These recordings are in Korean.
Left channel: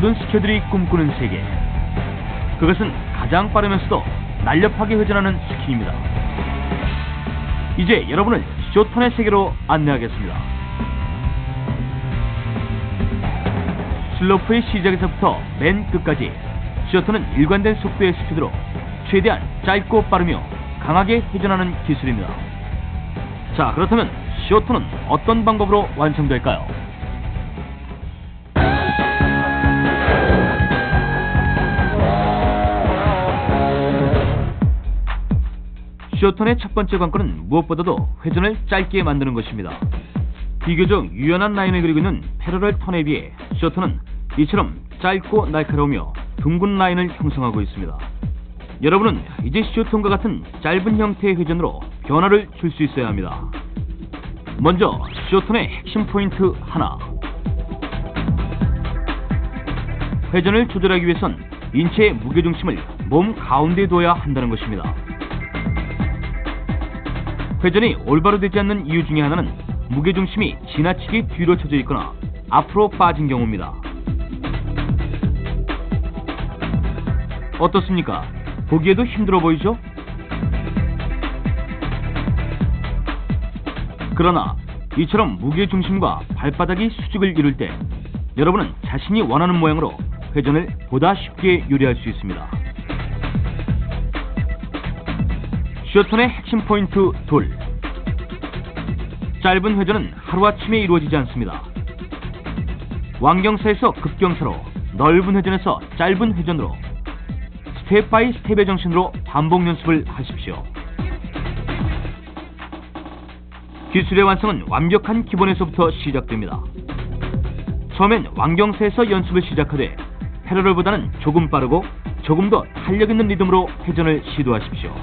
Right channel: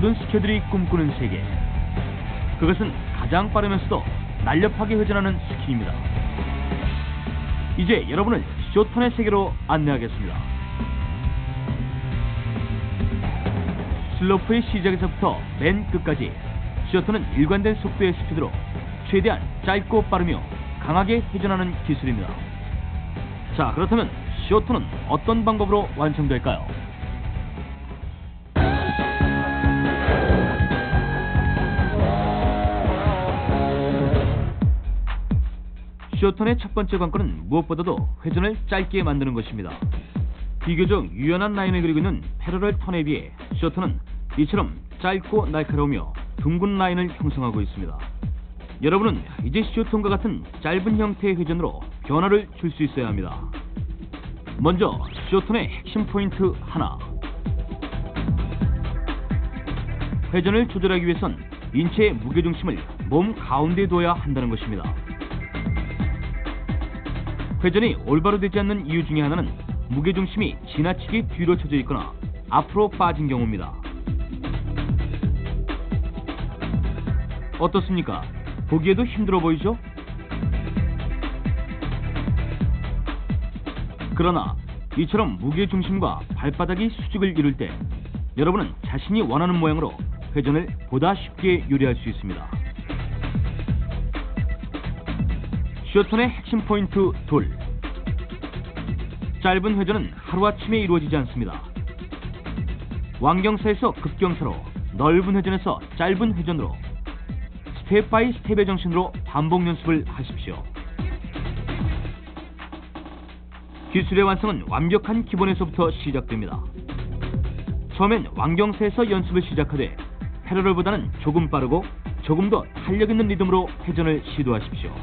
모든 스키어들이 꿈꾸는 세계. 그것은 가장 빠르면서도 날렵하게 회전하는 스키입니다. 이제 여러분을 쇼턴의 세계로 안내하겠습니다. 슬로프의 시작에서부터 맨 끝까지 쇼턴은 일관된 속도의 스피드로 최대한 짧고 빠르며 강하게 회전하는 기술입니다. 자, 그렇다면 쇼턴은 어떤 방법으로 완성될까요? 쇼턴의 첫 번째 관건은 무엇보다도 회전을 짧게 만드는 것입니다. 비교적 유연한 라인을 그리고 있는 패러럴 턴에 비해 쇼턴은 이처럼 짧고 날카로우며 둥근 라인을 형성하고 있습니다. 여러분은 이제 쇼턴과 같은 짧은 형태의 회전으로 변화를 줄 수 있어야 합니다. 먼저 쇼턴의 핵심 포인트 하나. 회전을 조절하기 위해선 인체의 무게중심을 몸 가운데에 둬야 한다는 것입니다. 회전이 올바로 되지 않는 이유 중에 하나는 무게중심이 지나치게 뒤로 쳐져 있거나 앞으로 빠진 경우입니다. 어떻습니까? 보기에도 힘들어 보이죠? 그러나 이처럼 무게중심과 발바닥이 수직을 이룰 때 여러분은 자신이 원하는 모양으로 회전을 보다 쉽게 요리할 수 있습니다. 쇼턴의 핵심 포인트 둘. 짧은 회전은 하루아침에 이루어지지 않습니다. 완경사에서 급경사로, 넓은 회전에서 짧은 회전으로 스텝 바이 스텝의 정신으로 반복 연습을 하십시오. 기술의 완성은 완벽한 기본에서부터 시작됩니다. 처음엔 완경사에서 연습을 시작하되 패러럴보다는 조금 빠르고 조금 더 탄력 있는 리듬으로 회전을 시도하십시오.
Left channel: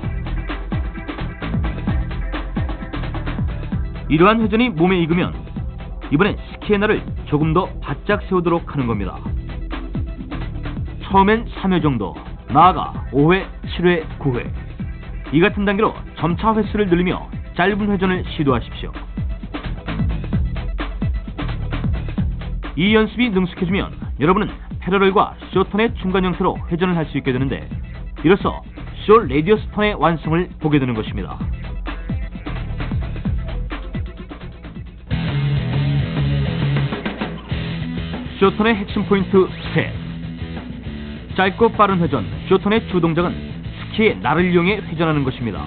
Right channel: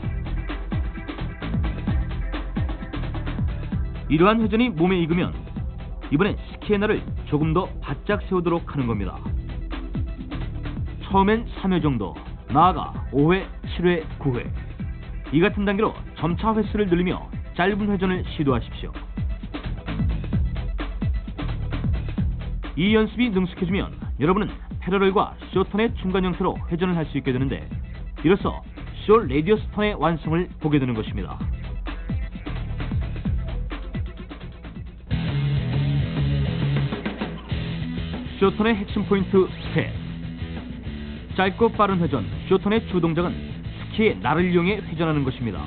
이러한 회전이 몸에 익으면 이번엔 스키의 날을 조금 더 바짝 세우도록 하는 겁니다. 처음엔 3회 정도, 나아가 5회, 7회, 9회 이 같은 단계로 점차 횟수를 늘리며 짧은 회전을 시도하십시오. 이 연습이 능숙해지면 여러분은 패러럴과 쇼턴의 중간 형태로 회전을 할 수 있게 되는데 이로써 쇼 레디어스 턴의 완성을 보게 되는 것입니다. 쇼턴의 핵심 포인트 셋. 짧고 빠른 회전. 쇼턴의 주동작은 스키의 날을 이용해 회전하는 것입니다.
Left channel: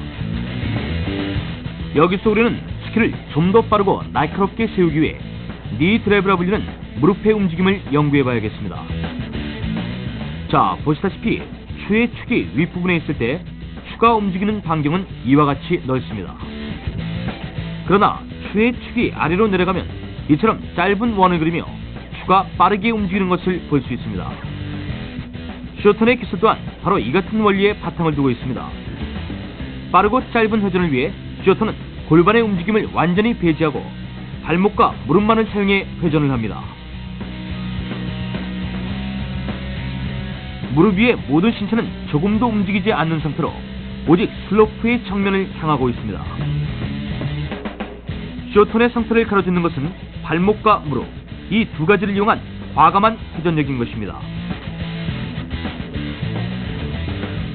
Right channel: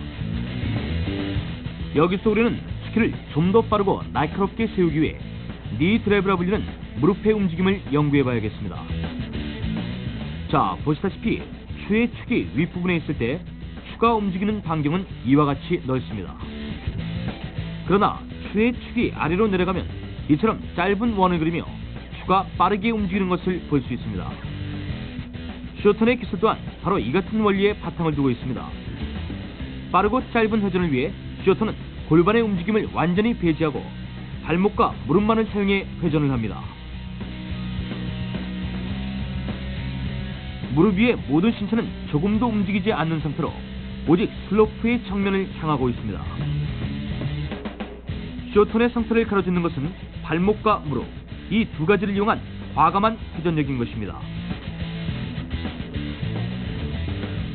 여기서 우리는 스키를 좀 더 빠르고 날카롭게 세우기 위해 니 드라이브라 불리는 무릎의 움직임을 연구해 봐야겠습니다. 자, 보시다시피 추의 축이 윗부분에 있을 때 추가 움직이는 반경은 이와 같이 넓습니다. 그러나 추의 축이 아래로 내려가면 이처럼 짧은 원을 그리며 추가 빠르게 움직이는 것을 볼 수 있습니다. 쇼턴의 기술 또한 바로 이 같은 원리에 바탕을 두고 있습니다. 빠르고 짧은 회전을 위해 쇼턴은 골반의 움직임을 완전히 배제하고 발목과 무릎만을 사용해 회전을 합니다. 무릎 위의 모든 신체는 조금도 움직이지 않는 상태로 오직 슬로프의 정면을 향하고 있습니다. 쇼턴의 상태를 가로짓는 것은 발목과 무릎, 이 두 가지를 이용한 과감한 회전력인 것입니다.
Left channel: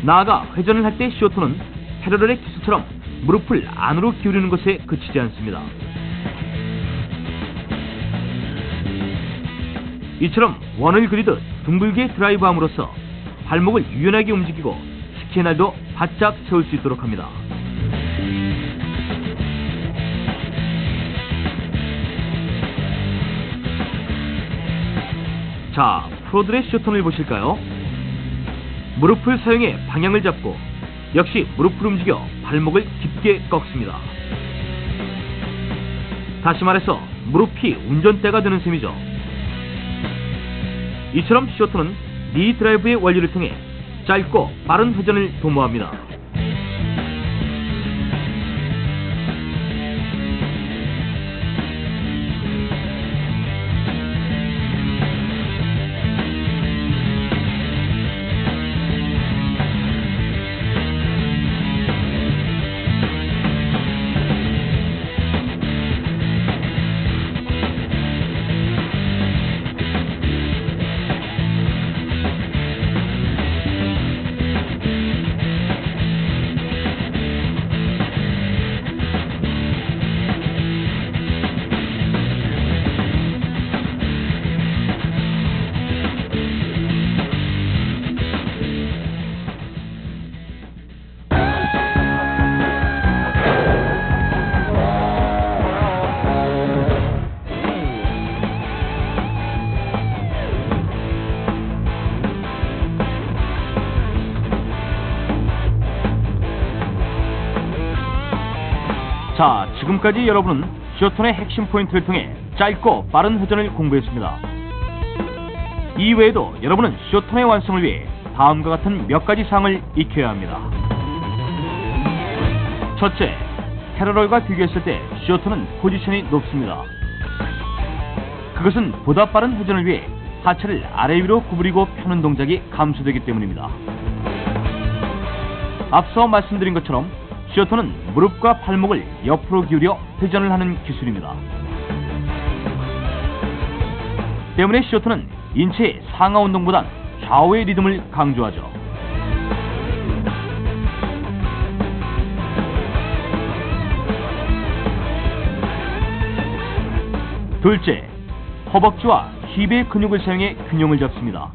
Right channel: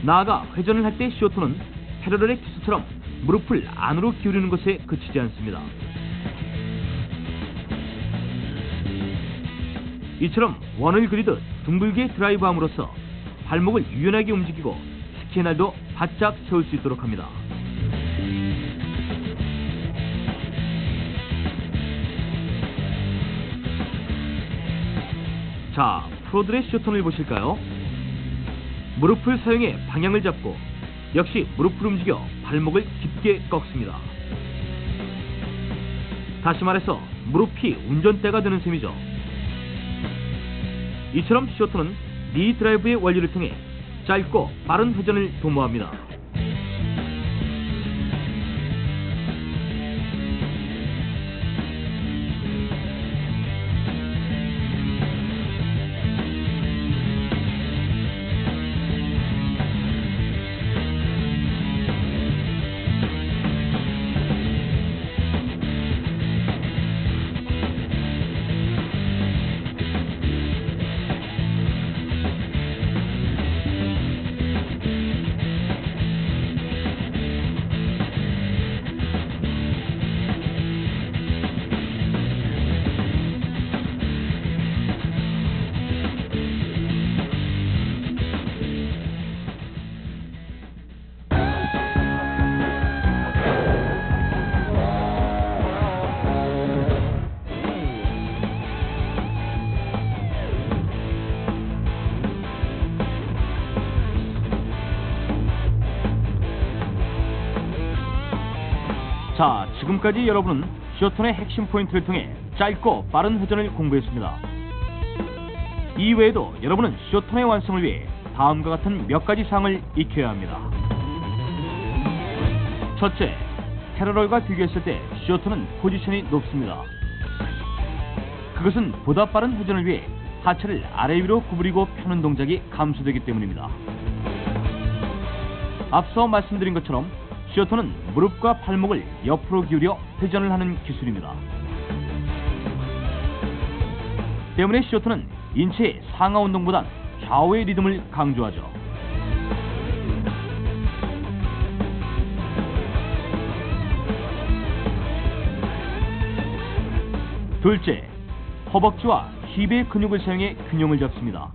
나아가 회전을 할 때 쇼턴은 패러럴의 기술처럼 무릎을 안으로 기울이는 것에 그치지 않습니다. 이처럼 원을 그리듯 둥글게 드라이브함으로써 발목을 유연하게 움직이고 스키의 날도 바짝 세울 수 있도록 합니다. 자, 프로들의 쇼턴을 보실까요? 무릎을 사용해 방향을 잡고 역시 무릎을 움직여 발목을 깊게 꺾습니다. 다시 말해서 무릎이 운전대가 되는 셈이죠. 이처럼 쇼턴은 니 드라이브의 원리를 통해 짧고 빠른 회전을 도모합니다. 자, 지금까지 여러분은 쇼톤의 핵심 포인트를 통해 짧고 빠른 회전을 공부했습니다. 이외에도 여러분은 쇼톤의 완성을 위해 다음과 같은 몇 가지 사항을 익혀야 합니다. 첫째, 패러럴과 비교했을 때 쇼톤은 포지션이 높습니다. 그것은 보다 빠른 회전을 위해 하체를 아래 위로 구부리고 펴는 동작이 감소되기 때문입니다. 앞서 말씀드린 것처럼 쇼톤은 무릎과 발목을 옆으로 기울여 회전을 하는 기술입니다. 때문에 쇼톤은 인체의 상하 운동보단 좌우의 리듬을 강조하죠. 둘째, 허벅지와 힙의 근육을 사용해 균형을 잡습니다.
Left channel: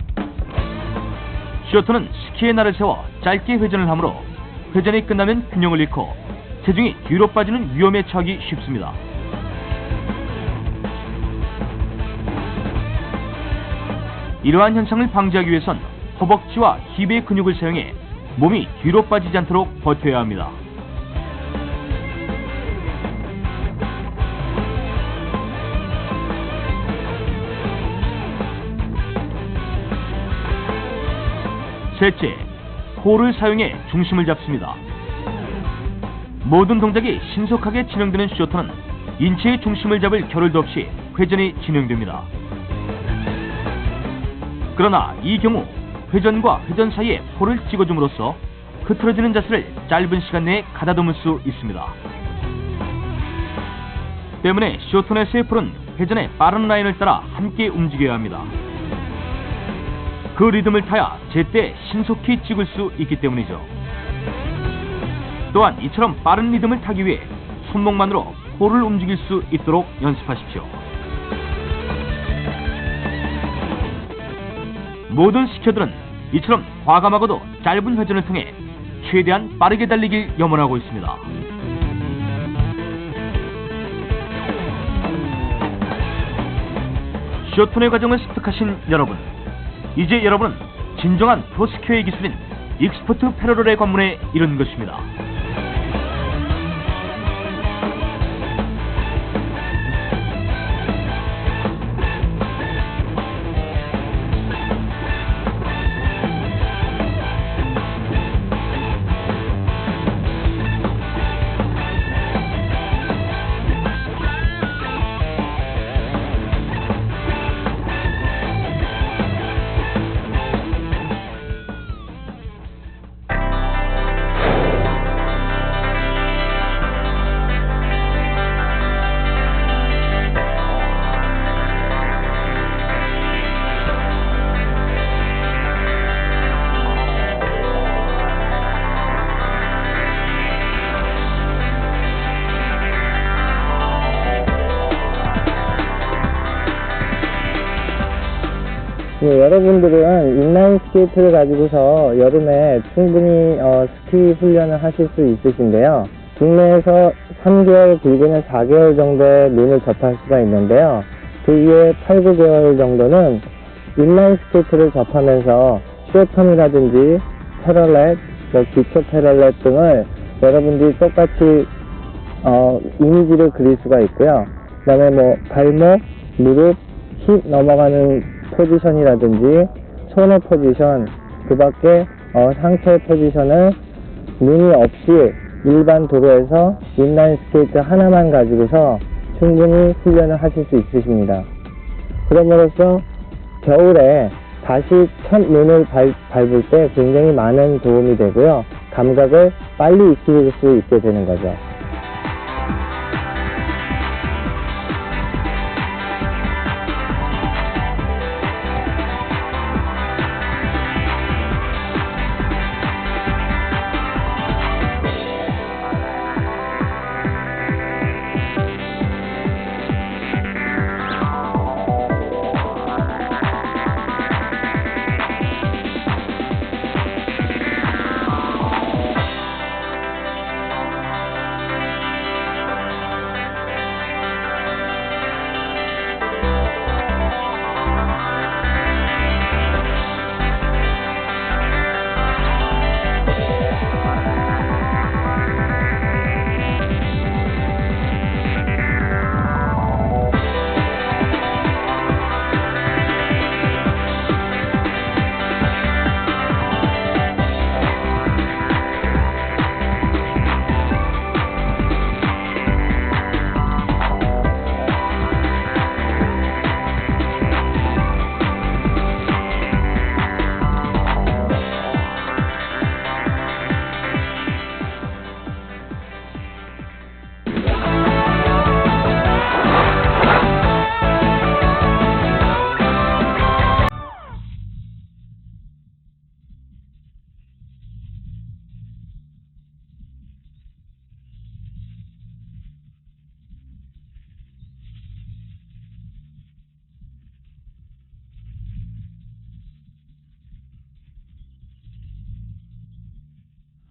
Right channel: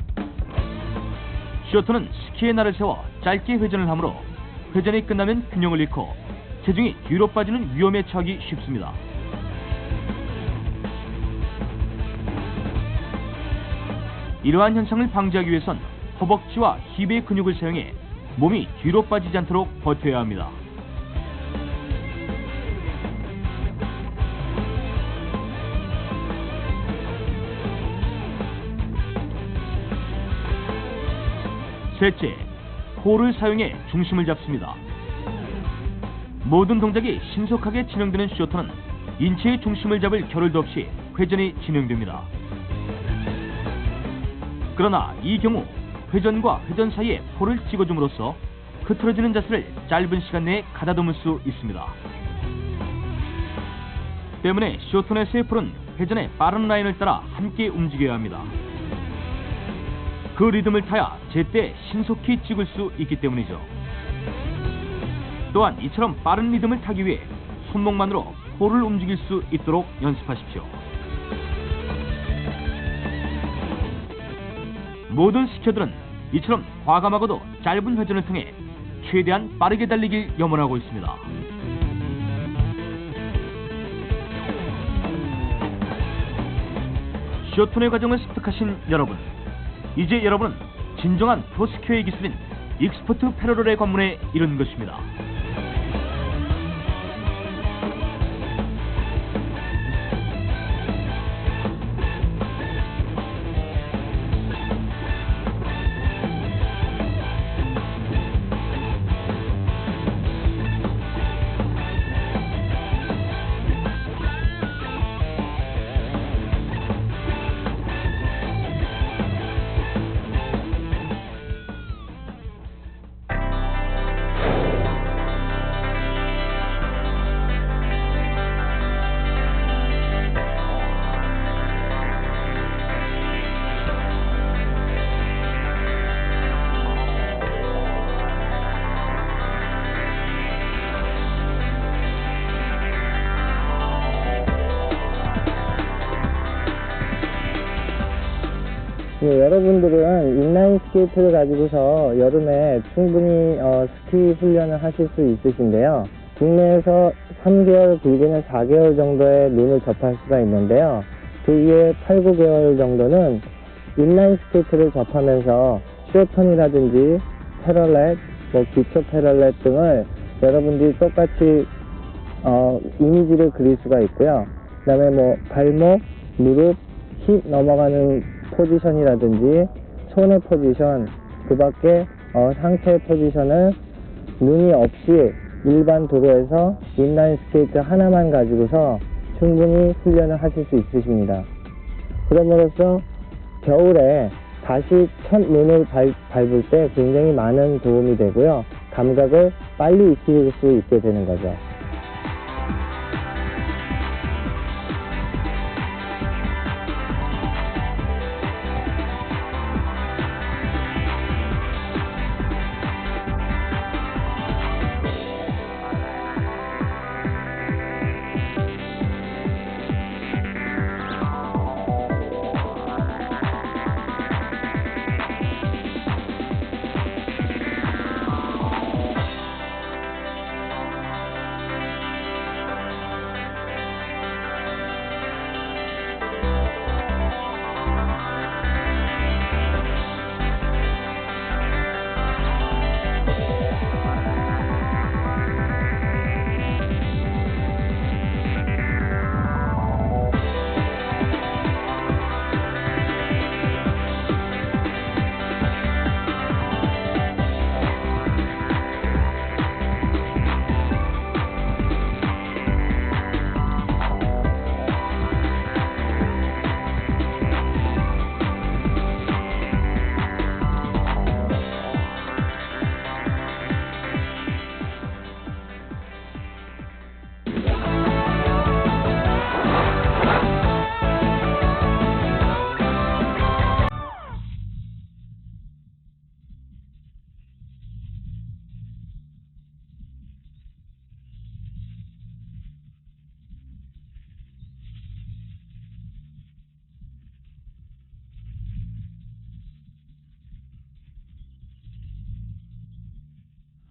쇼톤은 스키의 날을 세워 짧게 회전을 하므로 회전이 끝나면 균형을 잃고 체중이 뒤로 빠지는 위험에 처하기 쉽습니다. 이러한 현상을 방지하기 위해선 허벅지와 힙의 근육을 사용해 몸이 뒤로 빠지지 않도록 버텨야 합니다. 셋째, 코를 사용해 중심을 잡습니다. 모든 동작이 신속하게 진행되는 쇼톤은 인체의 중심을 잡을 겨를도 없이 회전이 진행됩니다. 그러나 이 경우 회전과 회전 사이에 코를 찍어줌으로써 흐트러지는 자세를 짧은 시간 내에 가다듬을 수 있습니다. 때문에 쇼톤에서의 폴은 회전의 빠른 라인을 따라 함께 움직여야 합니다. 그 리듬을 타야 제때 신속히 찍을 수 있기 때문이죠. 또한 이처럼 빠른 리듬을 타기 위해 손목만으로 폴을 움직일 수 있도록 연습하십시오. 모든 스키어들은 이처럼 과감하고도 짧은 회전을 통해 최대한 빠르게 달리길 염원하고 있습니다. 쇼톤의 과정을 습득하신 여러분, 이제 여러분은 진정한 프로스키어의 기술인 익스퍼트 패러럴의 관문에 이른 것입니다. 여러분들은 인라인 스케이트를 가지고서 여름에 충분히 스키 훈련을 하실 수 있으신데요. 국내에서 3개월 길게는 4개월 정도의 룬을 접할 수가 있는데요. 그 이후에 8, 9개월 정도는 인라인 스케이트를 접하면서 쇼턴이라든지 패럴렛, 기초 패럴렛 등을 여러분들이 똑같이 이미지를 그릴 수가 있고요. 그 다음에 발목, 무릎, 힙 넘어가는 포지션이라든지 손의 포지션, 그 밖에 상체의 포지션을 무늬 없이 일반 도로에서 인라인 스케이트 하나만 가지고서 충분히 훈련을 하실 수 있으십니다. 그럼으로써 겨울에 다시 첫 눈을 밟을 때 굉장히 많은 도움이 되고요. 감각을 빨리 익힐 수 있게 되는 거죠.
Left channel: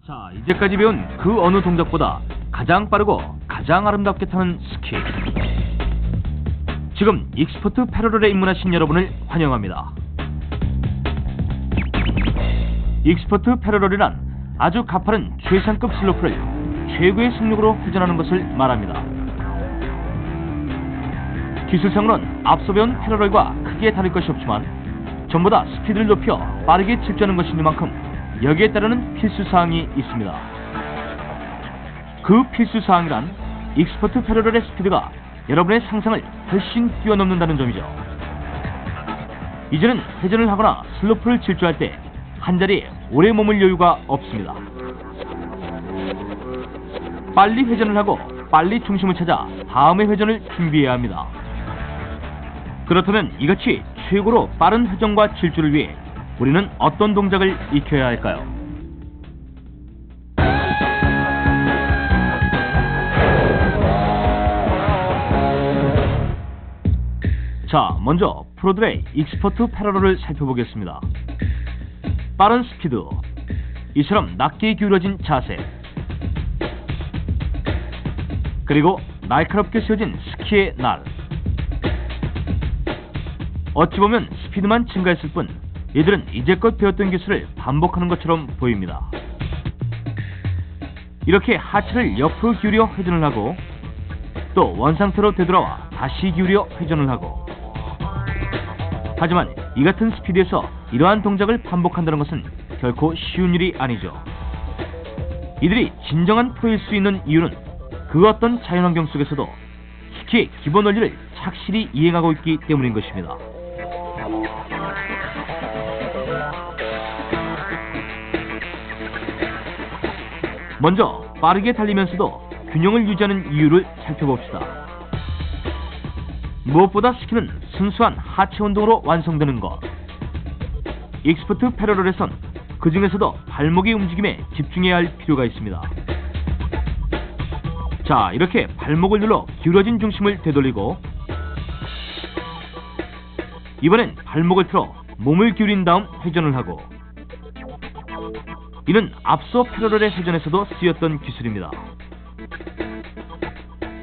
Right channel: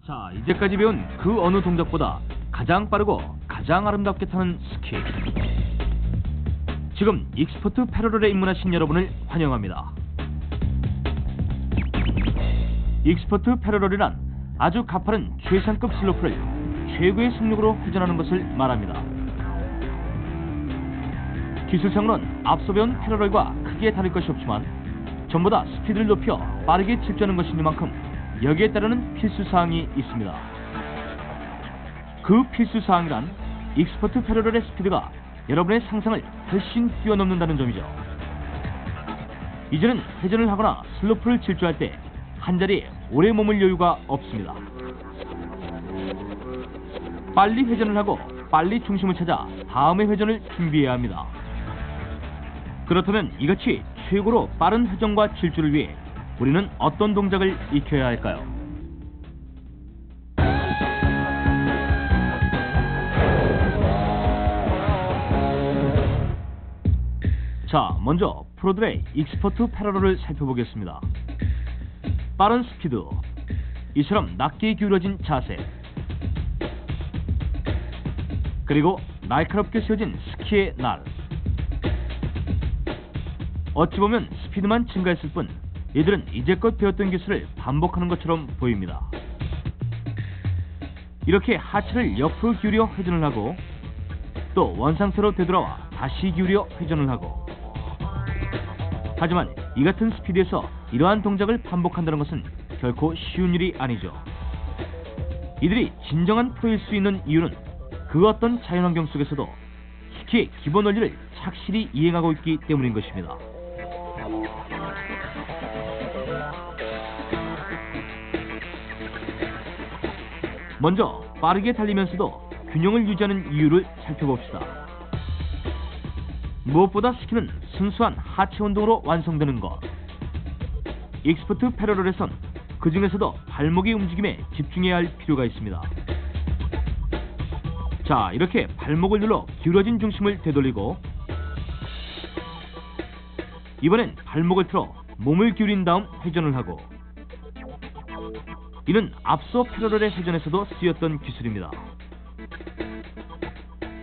자, 이제까지 배운 그 어느 동작보다 가장 빠르고 가장 아름답게 타는 스키. 지금 익스퍼트 패러럴에 입문하신 여러분을 환영합니다. 익스퍼트 패러럴이란 아주 가파른 최상급 슬로프를 최고의 속력으로 회전하는 것을 말합니다. 기술상으로는 앞서 배운 패러럴과 크게 다를 것이 없지만 전부 다 스피드를 높여 빠르게 질주하는 것이니만큼 여기에 따르는 필수사항이 있습니다. 그 필수사항이란 익스퍼트 패러럴의 스피드가 여러분의 상상을 훨씬 뛰어넘는다는 점이죠. 이제는 회전을 하거나 슬로프를 질주할 때 한자리에 오래 머물 여유가 없습니다. 빨리 회전을 하고 빨리 중심을 찾아 다음의 회전을 준비해야 합니다. 그렇다면 이같이 최고로 빠른 회전과 질주를 위해 우리는 어떤 동작을 익혀야 할까요? 자, 먼저 프로들의 익스퍼트 패러럴을 살펴보겠습니다. 빠른 스피드, 이처럼 낮게 기울어진 자세, 그리고 날카롭게 세워진 스키의 날. 어찌 보면 스피드만 증가했을 뿐 이들은 이제껏 배웠던 기술을 반복하는 것처럼 보입니다. 이렇게 하체를 옆으로 기울여 회전을 하고 또 원상태로 되돌아와 다시 기울여 회전을 하고, 하지만 이 같은 스피드에서 이러한 동작을 반복한다는 것은 결코 쉬운 일이 아니죠. 이들이 진정한 프로일 수 있는 이유는 그 어떤 자연환경 속에서도 스키의 기본 원리를 착실히 이행하고 있기 때문인 것입니다. 먼저 빠르게 달리면서도 균형을 유지하는 이유를 살펴봅시다. 무엇보다 스키는 순수한 하체 운동으로 완성되는 것. 익스퍼트 패러럴에선 그 중에서도 발목의 움직임에 집중해야 할 필요가 있습니다. 자, 이렇게 발목을 눌러 기울어진 중심을 되돌리고 이번엔 발목을 틀어 몸을 기울인 다음 회전을 하고, 이는 앞서 패러럴의 회전에서도 쓰였던 기술입니다.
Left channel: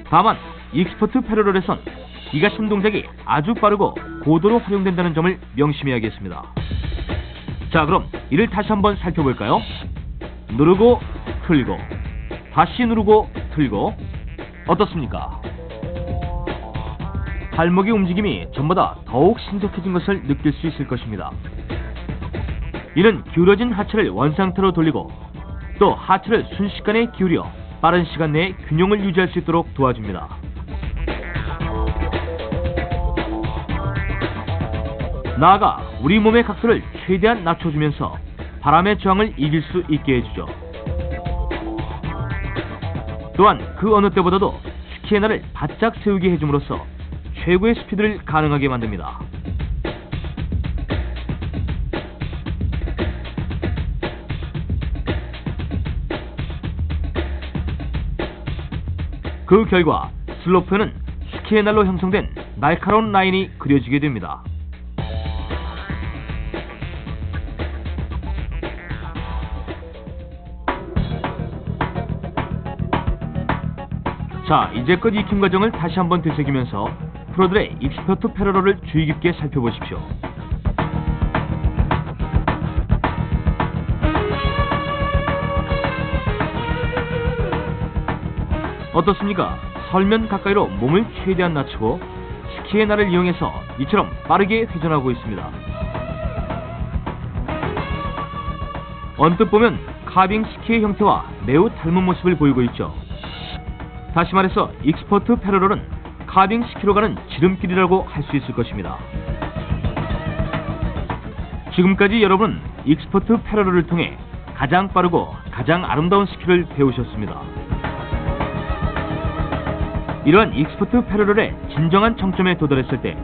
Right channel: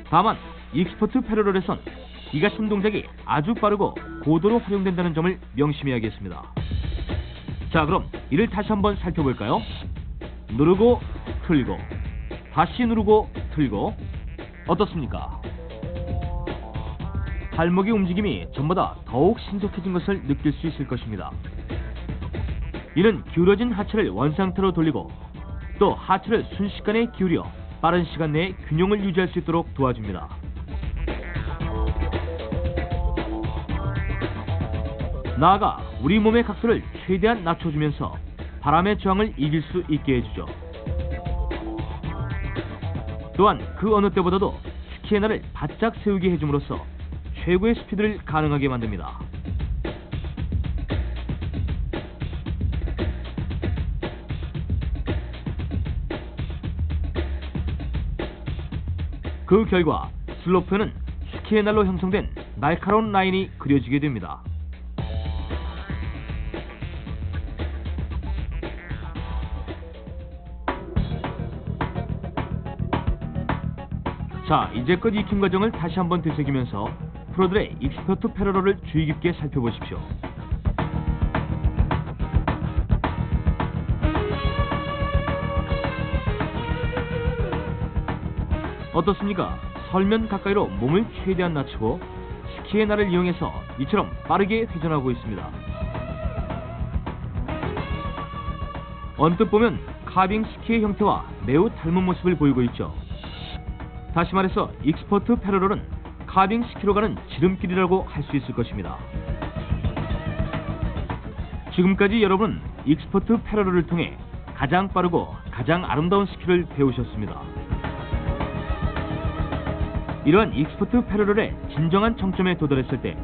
다만 익스퍼트 패러럴에선 이 같은 동작이 아주 빠르고 고도로 활용된다는 점을 명심해야겠습니다. 자, 그럼 이를 다시 한번 살펴볼까요? 누르고 틀고 다시 누르고 틀고. 어떻습니까? 발목의 움직임이 전보다 더욱 신속해진 것을 느낄 수 있을 것입니다. 이는 기울어진 하체를 원상태로 돌리고 또 하체를 순식간에 기울여 빠른 시간 내에 균형을 유지할 수 있도록 도와줍니다. 나아가 우리 몸의 각도를 최대한 낮춰주면서 바람의 저항을 이길 수 있게 해주죠. 또한 그 어느 때보다도 스키의 날을 바짝 세우게 해줌으로써 최고의 스피드를 가능하게 만듭니다. 그 결과 슬로프에는 스키의 날로 형성된 날카로운 라인이 그려지게 됩니다. 자, 이제껏 익힌 과정을 다시 한번 되새기면서 프로들의 익스퍼트 패러럴을 주의 깊게 살펴보십시오. 어떻습니까? 설면 가까이로 몸을 최대한 낮추고 스키의 날을 이용해서 이처럼 빠르게 회전하고 있습니다. 언뜻 보면 카빙 스키의 형태와 매우 닮은 모습을 보이고 있죠. 다시 말해서 익스퍼트 패러럴은 카빙 스키로 가는 지름길이라고 할 수 있을 것입니다. 지금까지 여러분은 익스퍼트 패러럴을 통해 가장 빠르고 가장 아름다운 스키를 배우셨습니다. 이러한 익스퍼트 패러럴의 진정한 정점에 도달했을 때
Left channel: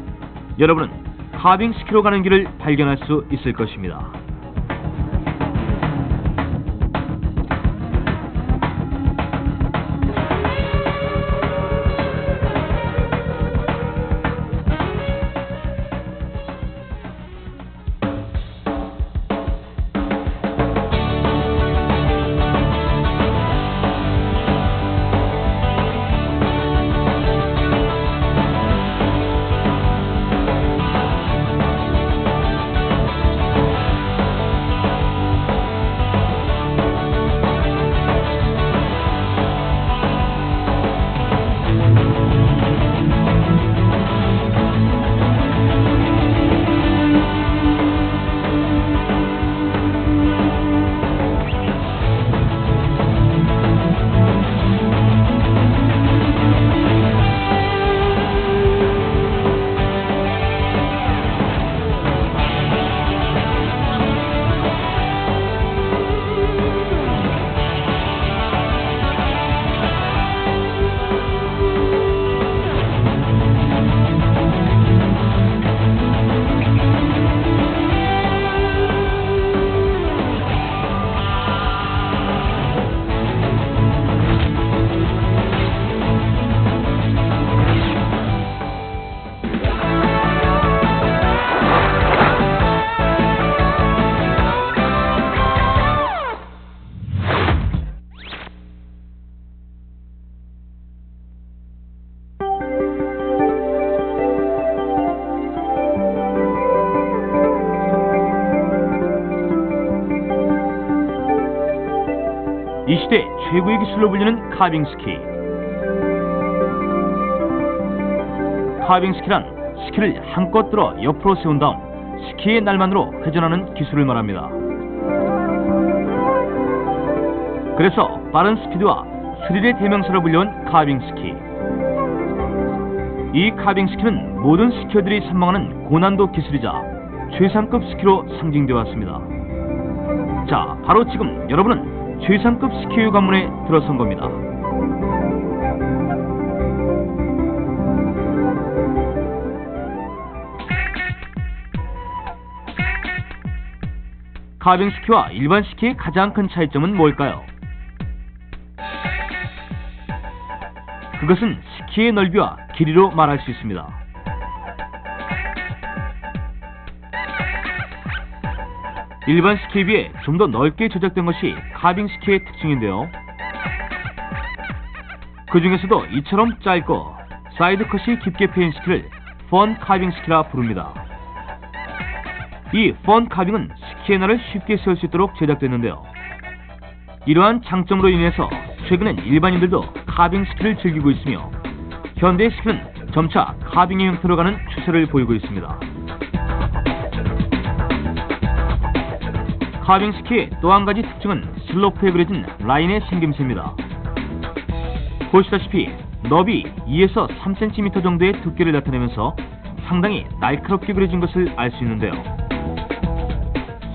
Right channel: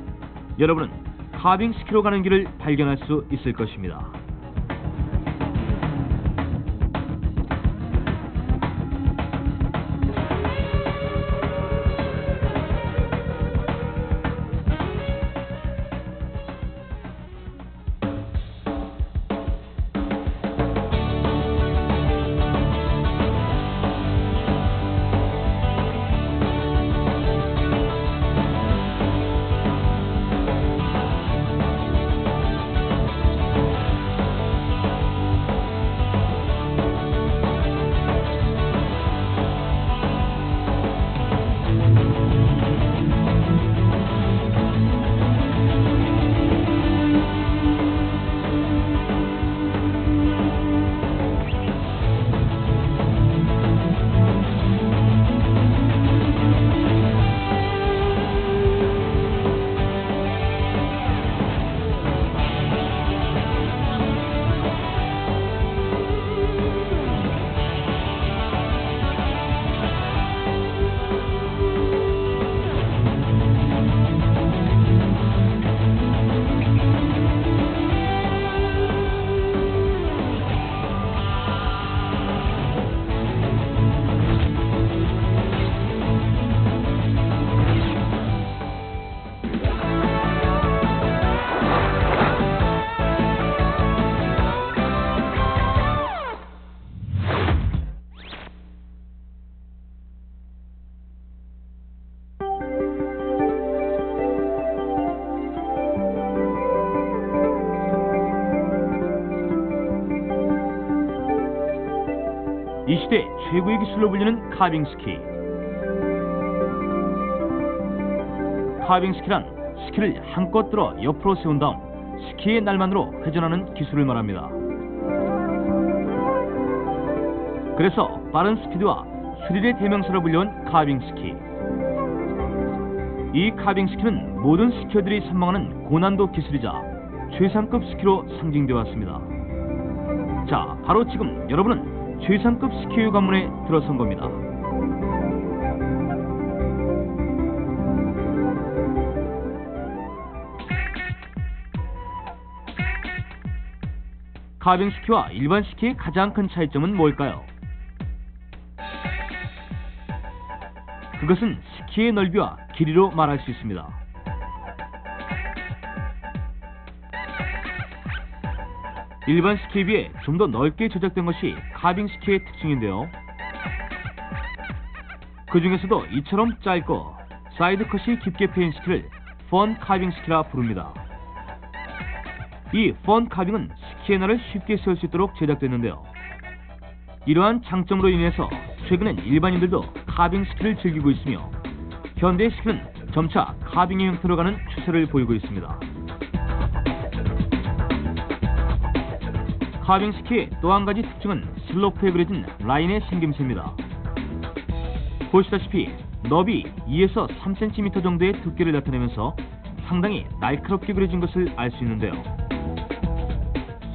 여러분은 카빙 스키로 가는 길을 발견할 수 있을 것입니다. 시대 최고의 기술로 불리는 카빙 스키. 카빙 스키란 스키를 한껏 들어 옆으로 세운 다음 스키의 날만으로 회전하는 기술을 말합니다. 그래서 빠른 스피드와 스릴의 대명사로 불려온 카빙 스키. 이 카빙 스키는 모든 스키어들이 선망하는 고난도 기술이자 최상급 스키로 상징되어 왔습니다. 자, 바로 지금 여러분은 최상급 스키의 관문에 들어선 겁니다. 카빙 스키와 일반 스키의 가장 큰 차이점은 뭘까요? 그것은 스키의 넓이와 길이로 말할 수 있습니다. 일반 스키에 비해 좀 더 넓게 제작된 것이 카빙 스키의 특징인데요. 그 중에서도 이처럼 짧고 사이드 컷이 깊게 패인 스키를 펀 카빙 스키라 부릅니다. 이 펀 카빙은 스키의 날을 쉽게 세울 수 있도록 제작됐는데요. 이러한 장점으로 인해서 최근엔 일반인들도 카빙 스키를 즐기고 있으며 현대 스키는 점차 카빙의 형태로 가는 추세를 보이고 있습니다. 카빙 스키의 또 한 가지 특징은 슬로프에 그려진 라인의 생김새입니다. 보시다시피 너비 2에서 3cm 정도의 두께를 나타내면서 상당히 날카롭게 그려진 것을 알 수 있는데요.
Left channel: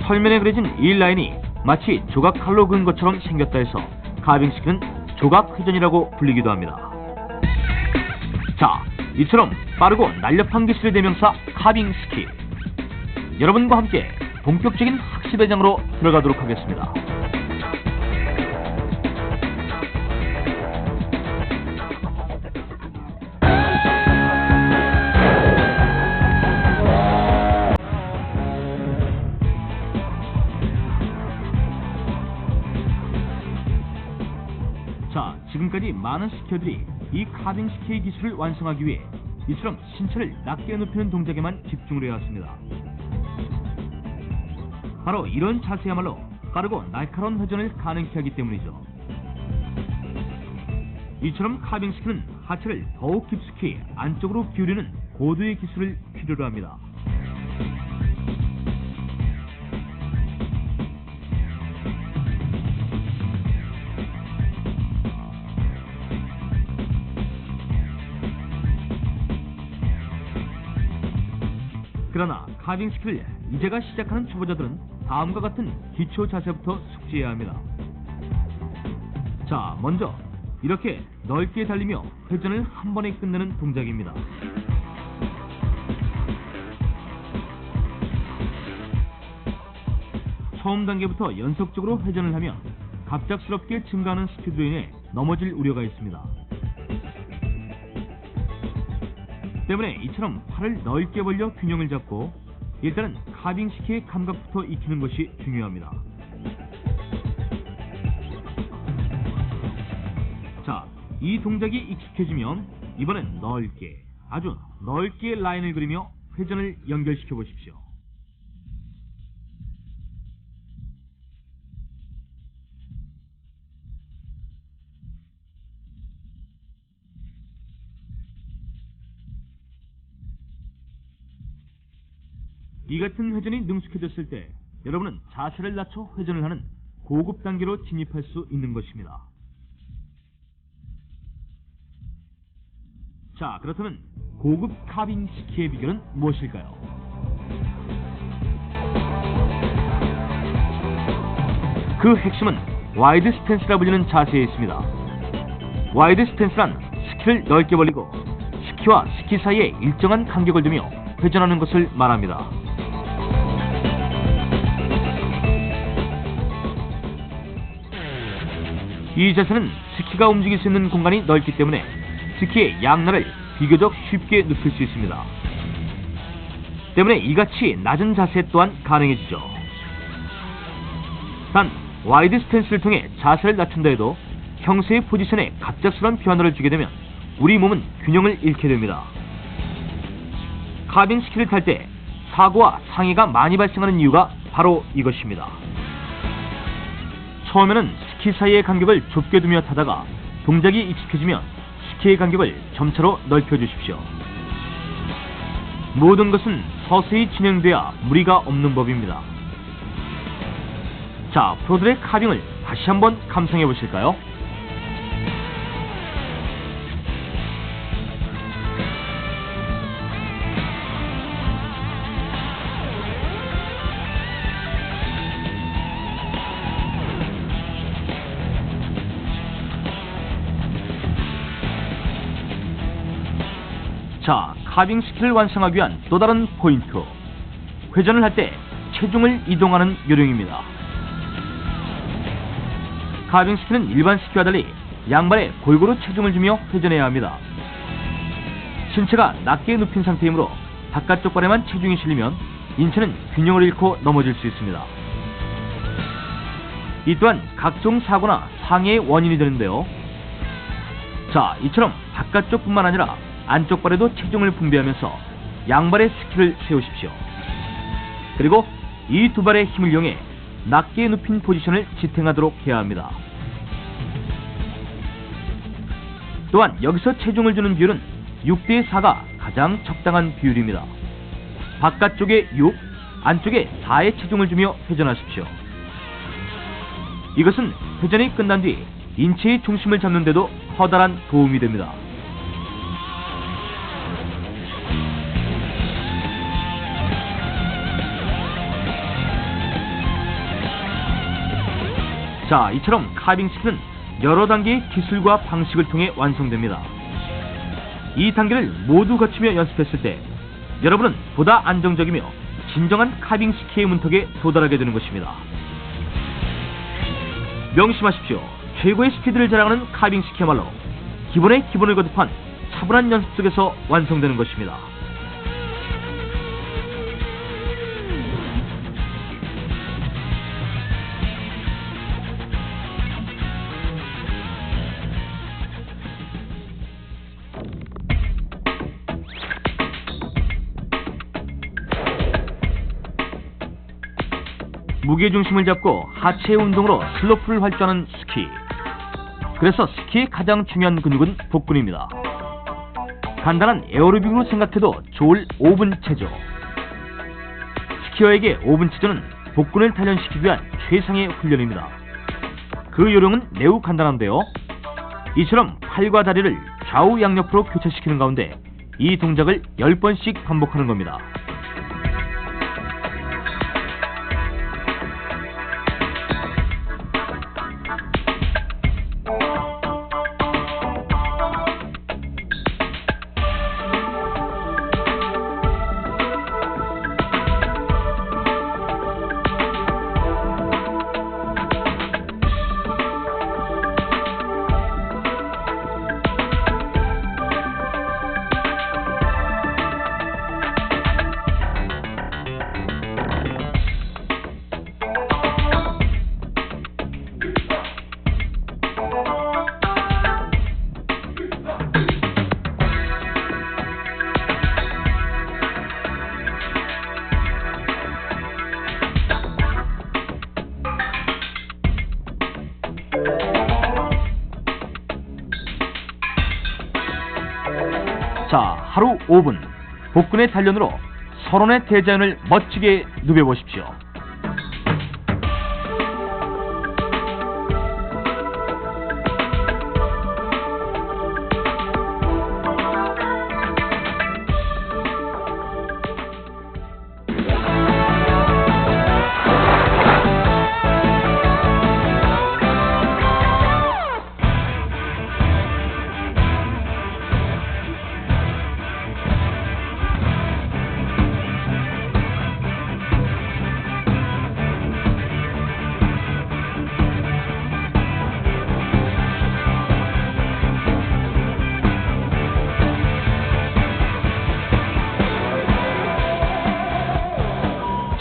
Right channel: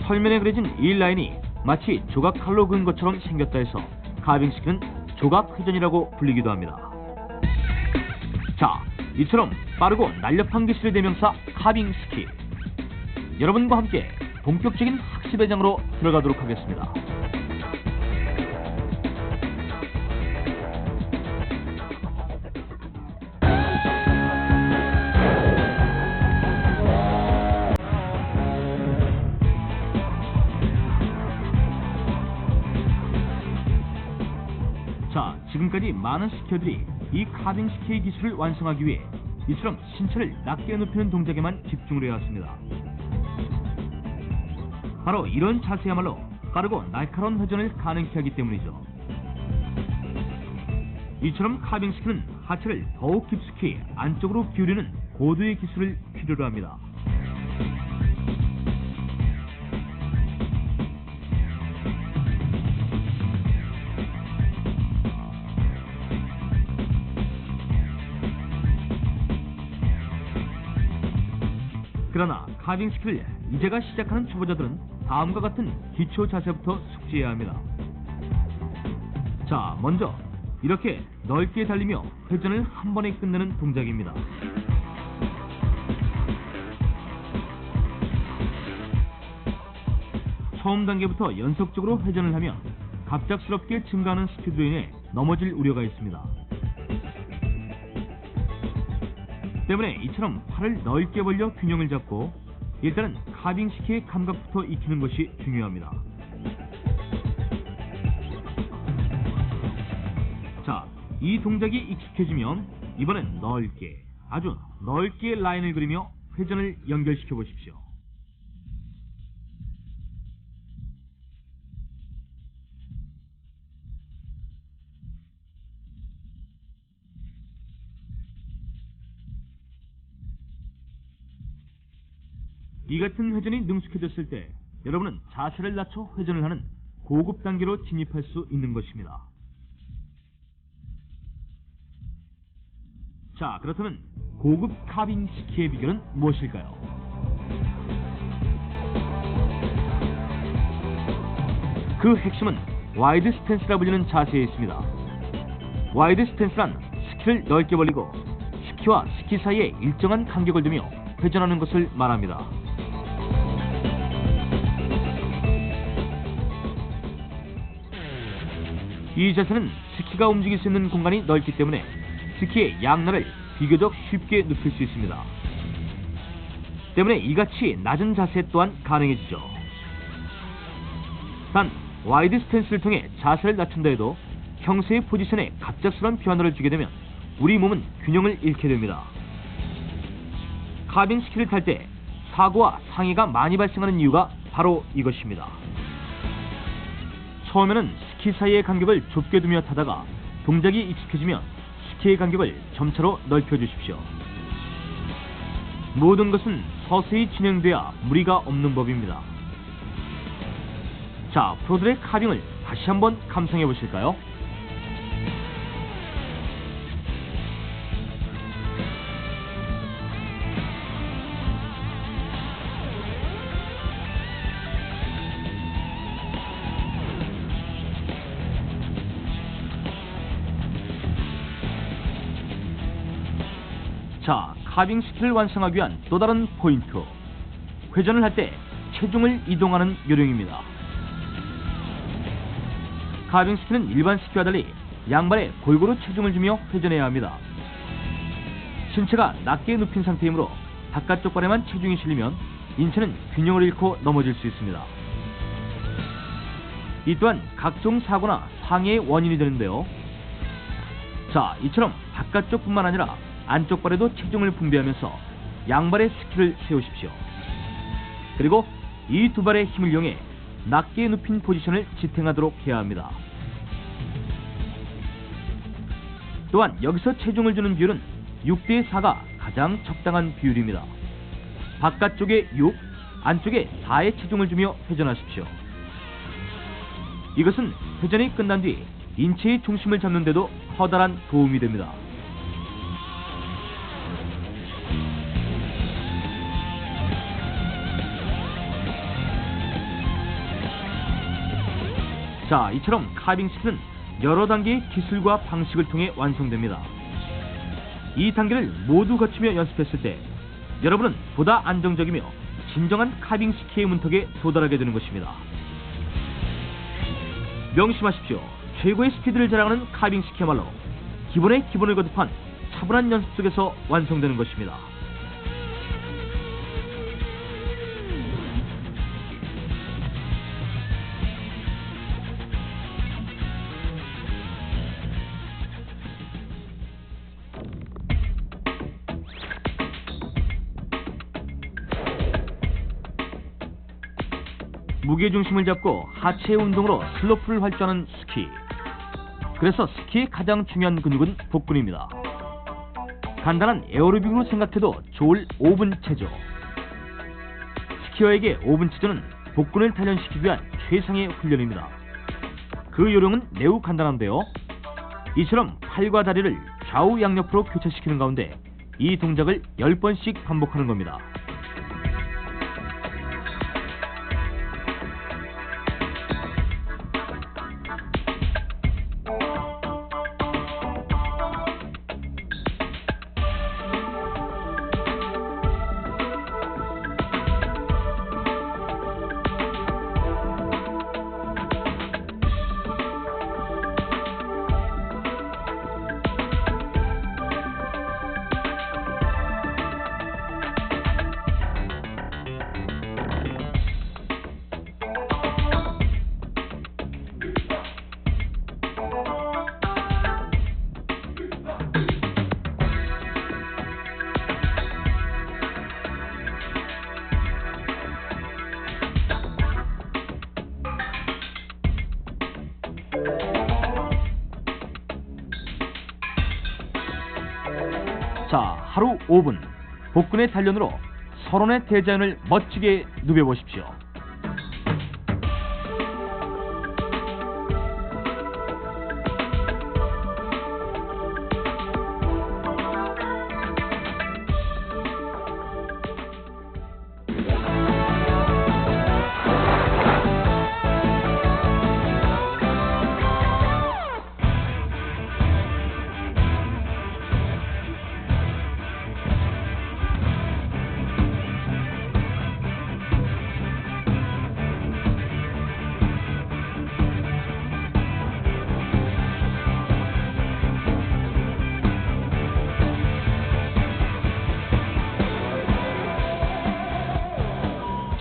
설면에 그려진 이 라인이 마치 조각 칼로 그은 것처럼 생겼다 해서 카빙 스키는 조각 회전이라고 불리기도 합니다. 자, 이처럼 빠르고 날렵한 기술의 대명사 카빙 스키. 여러분과 함께 본격적인 학습의 장으로 들어가도록 하겠습니다. 자, 지금까지 많은 스키어들이 이 카빙 스키의 기술을 완성하기 위해 이처럼 신체를 낮게 높이는 동작에만 집중을 해왔습니다. 바로 이런 자세야말로 빠르고 날카로운 회전을 가능케 하기 때문이죠. 이처럼 카빙 스키는 하체를 더욱 깊숙이 안쪽으로 기울이는 고도의 기술을 필요로 합니다. 그러나 카빙 스키를 이제가 시작하는 초보자들은 다음과 같은 기초 자세부터 숙지해야 합니다. 자, 먼저 이렇게 넓게 달리며 회전을 한 번에 끝내는 동작입니다. 처음 단계부터 연속적으로 회전을 하면 갑작스럽게 증가하는 스피드로 인해 넘어질 우려가 있습니다. 때문에 이처럼 팔을 넓게 벌려 균형을 잡고 일단은 카빙 스키의 감각부터 익히는 것이 중요합니다. 자, 이 동작이 익숙해지면 이번엔 넓게, 아주 넓게 라인을 그리며 회전을 연결시켜 보십시오. 이 같은 회전이 능숙해졌을 때 여러분은 자세를 낮춰 회전을 하는 고급 단계로 진입할 수 있는 것입니다. 자, 그렇다면 고급 카빙 스키의 비결은 무엇일까요? 그 핵심은 와이드 스탠스라 불리는 자세에 있습니다. 와이드 스탠스란 스키를 넓게 벌리고 스키와 스키 사이에 일정한 간격을 두며 회전하는 것을 말합니다. 이 자세는 스키가 움직일 수 있는 공간이 넓기 때문에 스키의 양날을 비교적 쉽게 눕힐 수 있습니다. 때문에 이같이 낮은 자세 또한 가능해지죠. 단, 와이드 스탠스를 통해 자세를 낮춘다 해도 형세의 포지션에 갑작스러운 변화를 주게 되면 우리 몸은 균형을 잃게 됩니다. 카빙 스키를 탈 때 사고와 상해가 많이 발생하는 이유가 바로 이것입니다. 처음에는 스키 사이의 간격을 좁게 두며 타다가 동작이 익숙해지면 스키의 간격을 점차로 넓혀주십시오. 모든 것은 서서히 진행돼야 무리가 없는 법입니다. 자, 프로들의 카빙을 다시 한번 감상해 보실까요? 자, 카빙 스키를 완성하기 위한 또 다른 포인트. 회전을 할 때 체중을 이동하는 요령입니다. 카빙 스키는 일반 스키와 달리 양발에 골고루 체중을 주며 회전해야 합니다. 신체가 낮게 눕힌 상태이므로 바깥쪽 발에만 체중이 실리면 인체는 균형을 잃고 넘어질 수 있습니다. 이 또한 각종 사고나 상해의 원인이 되는데요. 자, 이처럼 바깥쪽뿐만 아니라 안쪽 발에도 체중을 분배하면서 양발에 스키를 세우십시오. 그리고 이 두 발의 힘을 이용해 낮게 눕힌 포지션을 지탱하도록 해야 합니다. 또한 여기서 체중을 주는 비율은 6대4가 가장 적당한 비율입니다. 바깥쪽에 6, 안쪽에 4의 체중을 주며 회전하십시오. 이것은 회전이 끝난 뒤 인체의 중심을 잡는 데도 커다란 도움이 됩니다. 자, 이처럼 카빙 스키는 여러 단계의 기술과 방식을 통해 완성됩니다. 이 단계를 모두 거치며 연습했을 때 여러분은 보다 안정적이며 진정한 카빙 스키의 문턱에 도달하게 되는 것입니다. 명심하십시오. 최고의 스피드를 자랑하는 카빙 스키야말로 기본의 기본을 거듭한 차분한 연습 속에서 완성되는 것입니다. 무게중심을 잡고 하체 운동으로 슬로프를 활주하는 스키. 그래서 스키의 가장 중요한 근육은 복근입니다. 간단한 에어로빅으로 생각해도 좋을 5분 체조. 스키어에게 5분 체조는 복근을 단련시키기 위한 최상의 훈련입니다. 그 요령은 매우 간단한데요. 이처럼 팔과 다리를 좌우 양옆으로 교차시키는 가운데 이 동작을 10번씩 반복하는 겁니다. 자, 하루 5분 복근의 단련으로 서론의 대자연을 멋지게 누벼보십시오.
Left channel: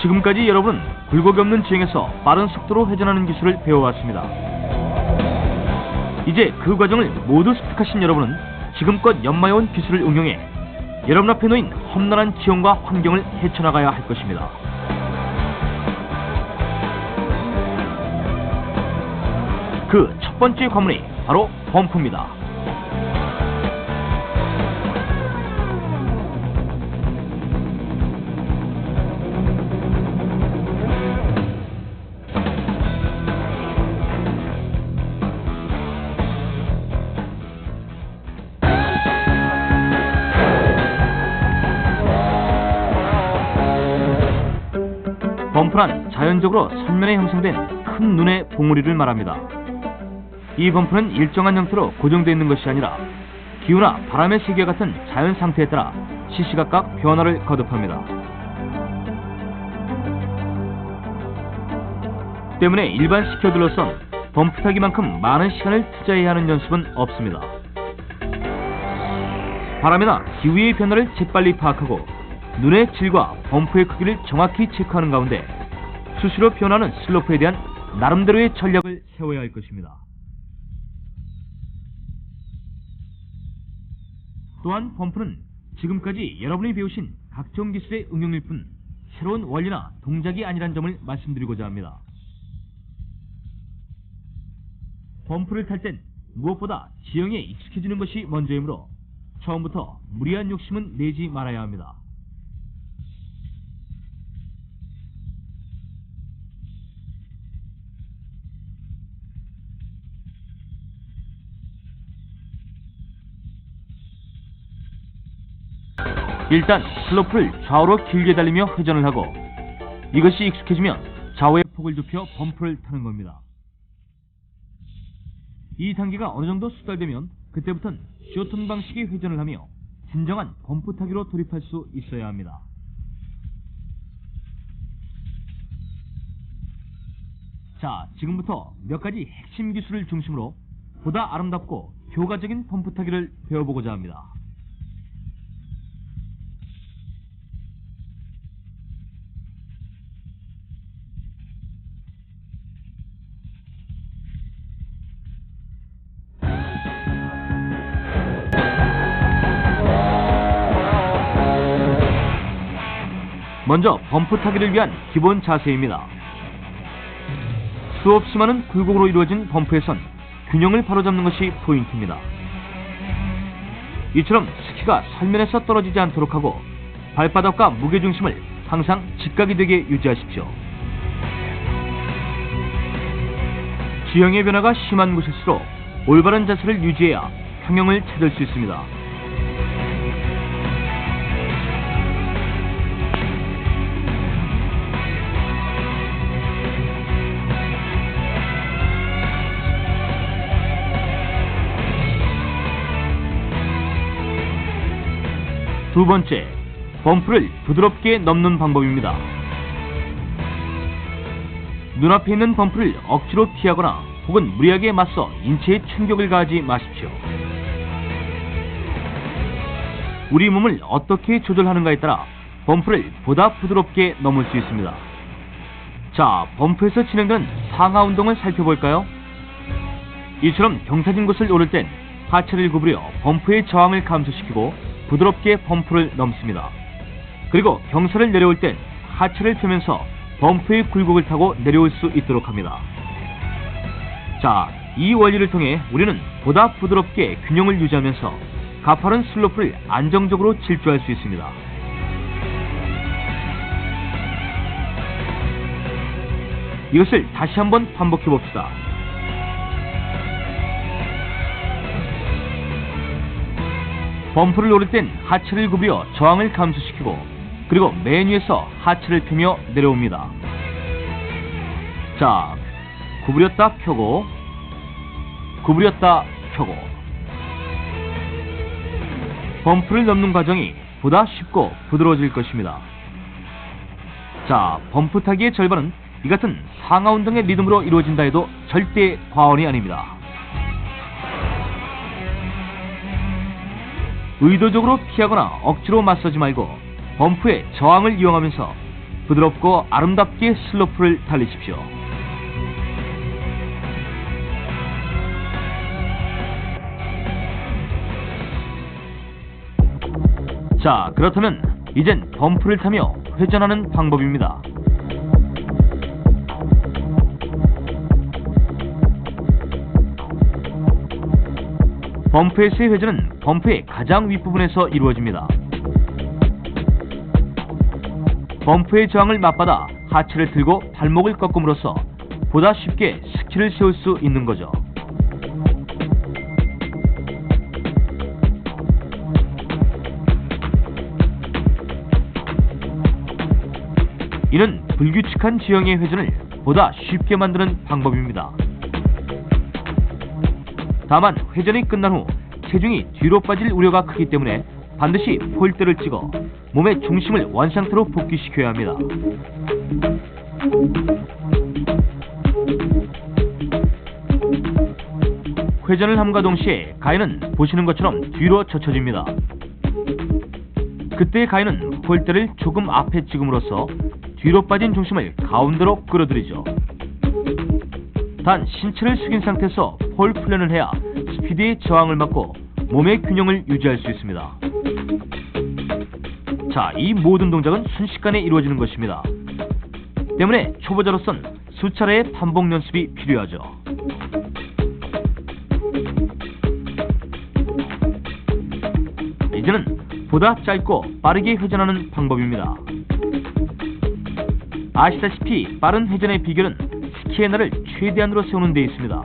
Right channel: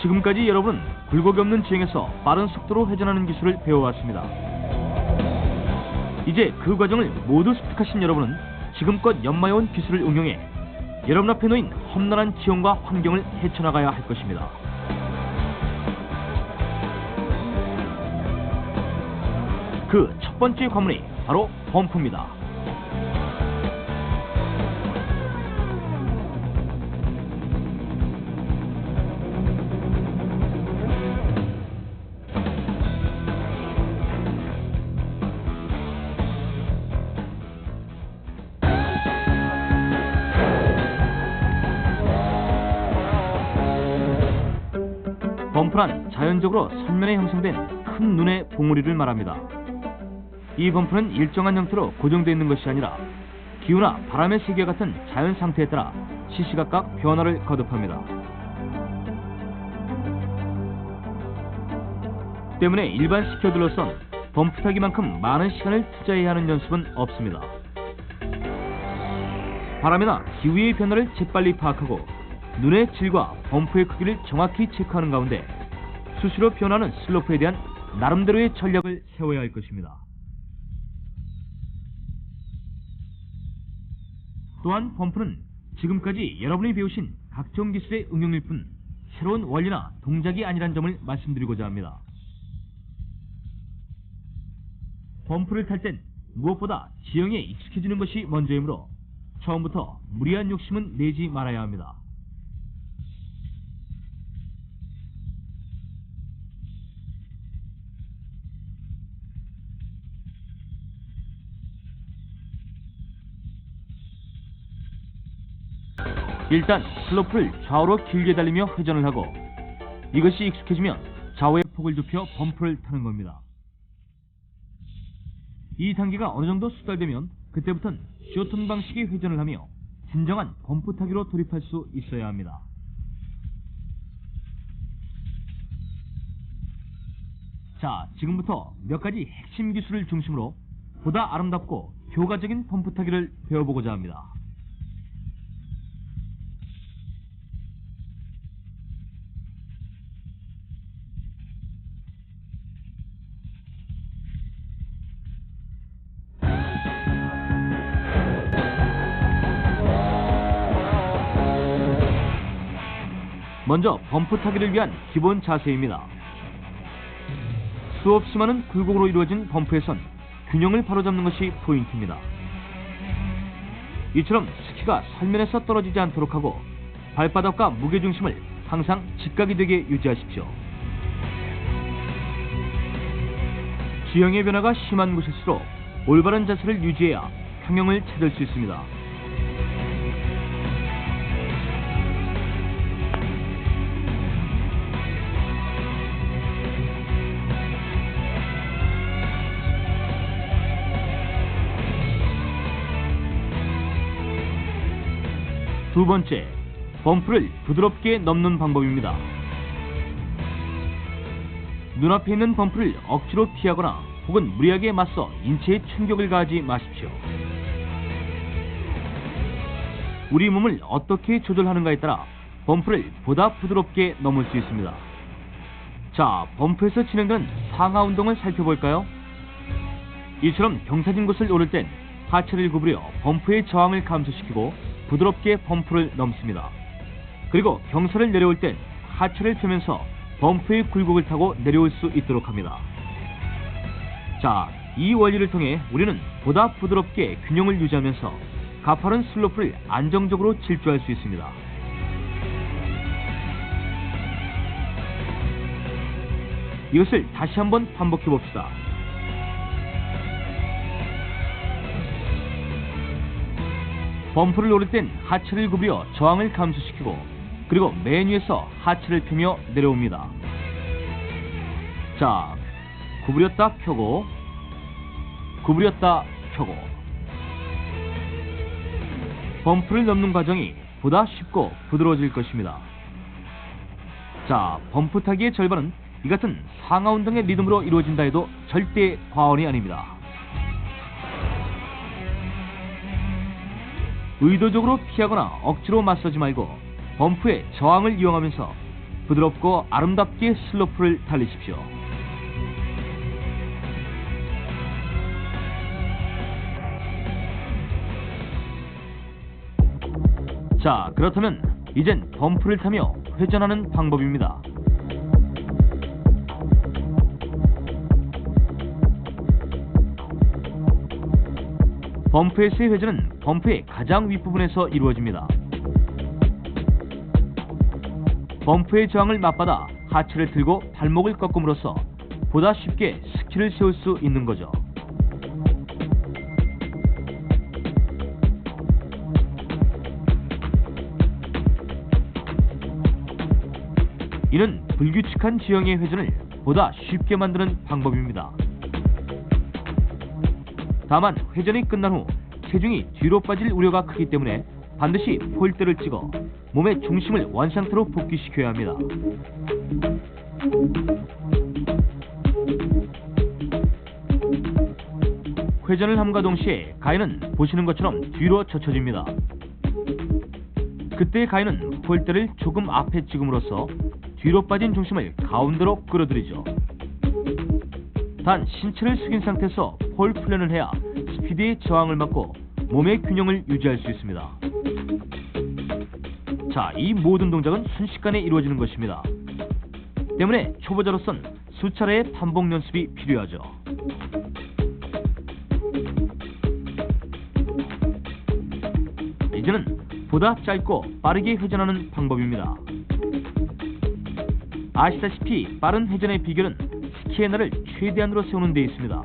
지금까지 여러분은 굴곡이 없는 주행에서 빠른 속도로 회전하는 기술을 배워왔습니다. 이제 그 과정을 모두 습득하신 여러분은 지금껏 연마해온 기술을 응용해 여러분 앞에 놓인 험난한 지형과 환경을 헤쳐나가야 할 것입니다. 그 첫 번째 관문이 바로 범프입니다. 범프란 자연적으로 선면에 형성된 큰 눈의 봉우리를 말합니다. 이 범프는 일정한 형태로 고정되어 있는 것이 아니라 기후나 바람의 세기와 같은 자연 상태에 따라 시시각각 변화를 거듭합니다. 때문에 일반 스키어들로선 범프 타기만큼 많은 시간을 투자해야 하는 연습은 없습니다. 바람이나 기후의 변화를 재빨리 파악하고 눈의 질과 범프의 크기를 정확히 체크하는 가운데 수시로 변하는 슬로프에 대한 나름대로의 전략을 세워야 할 것입니다. 또한 범프는 지금까지 여러분이 배우신 각종 기술의 응용일 뿐 새로운 원리나 동작이 아니란 점을 말씀드리고자 합니다. 범프를 탈 땐 무엇보다 지형에 익숙해지는 것이 먼저이므로 처음부터 무리한 욕심은 내지 말아야 합니다. 일단 슬로프를 좌우로 길게 달리며 회전을 하고 이것이 익숙해지면 좌우의 폭을 좁혀 범프를 타는 겁니다. 이 단계가 어느 정도 숙달되면 그때부터는 쇼턴 방식의 회전을 하며 진정한 범프 타기로 돌입할 수 있어야 합니다. 자, 지금부터 몇 가지 핵심 기술을 중심으로 보다 아름답고 효과적인 범프 타기를 배워보고자 합니다. 먼저 범프 타기를 위한 기본 자세입니다. 수없이 많은 굴곡으로 이루어진 범프에선 균형을 바로잡는 것이 포인트입니다. 이처럼 스키가 설면에서 떨어지지 않도록 하고 발바닥과 무게중심을 항상 직각이 되게 유지하십시오. 지형의 변화가 심한 곳일수록 올바른 자세를 유지해야 평형을 찾을 수 있습니다. 두 번째, 범프를 부드럽게 넘는 방법입니다. 눈앞에 있는 범프를 억지로 피하거나 혹은 무리하게 맞서 인체에 충격을 가하지 마십시오. 우리 몸을 어떻게 조절하는가에 따라 범프를 보다 부드럽게 넘을 수 있습니다. 자, 범프에서 진행되는 상하 운동을 살펴볼까요? 이처럼 경사진 곳을 오를 땐 하체를 구부려 범프의 저항을 감소시키고 부드럽게 범프를 넘습니다. 그리고 경사를 내려올 땐 하체를 펴면서 범프의 굴곡을 타고 내려올 수 있도록 합니다. 자, 이 원리를 통해 우리는 보다 부드럽게 균형을 유지하면서 가파른 슬로프를 안정적으로 질주할 수 있습니다. 이것을 다시 한번 반복해 봅시다. 범프를 오를 땐 하체를 구부려 저항을 감소시키고 그리고 맨 위에서 하체를 펴며 내려옵니다. 자, 구부렸다 펴고 구부렸다 펴고 범프를 넘는 과정이 보다 쉽고 부드러워질 것입니다. 자, 범프 타기의 절반은 이 같은 상하 운동의 리듬으로 이루어진다 해도 절대 과언이 아닙니다. 의도적으로 피하거나 억지로 맞서지 말고 범프의 저항을 이용하면서 부드럽고 아름답게 슬로프를 달리십시오. 자, 그렇다면 이젠 범프를 타며 회전하는 방법입니다. 범프에서의 회전은 범프의 가장 윗부분에서 이루어집니다. 범프의 저항을 맞받아 하체를 들고 발목을 꺾음으로써 보다 쉽게 스키를 세울 수 있는 거죠. 이는 불규칙한 지형의 회전을 보다 쉽게 만드는 방법입니다. 다만 회전이 끝난 후 체중이 뒤로 빠질 우려가 크기 때문에 반드시 폴대를 찍어 몸의 중심을 원상태로 복귀시켜야 합니다. 회전을 함과 동시에 가해는 보시는 것처럼 뒤로 젖혀집니다. 그때 가해는 폴대를 조금 앞에 찍음으로써 뒤로 빠진 중심을 가운데로 끌어들이죠. 단 신체를 숙인 상태에서 폴 플랜을 해야 스피드의 저항을 막고 몸의 균형을 유지할 수 있습니다. 자, 이 모든 동작은 순식간에 이루어지는 것입니다. 때문에 초보자로선 수차례의 반복 연습이 필요하죠. 이제는 보다 짧고 빠르게 회전하는 방법입니다. 아시다시피 빠른 회전의 비결은 스키의 날을 최대한으로 세우는 데 있습니다.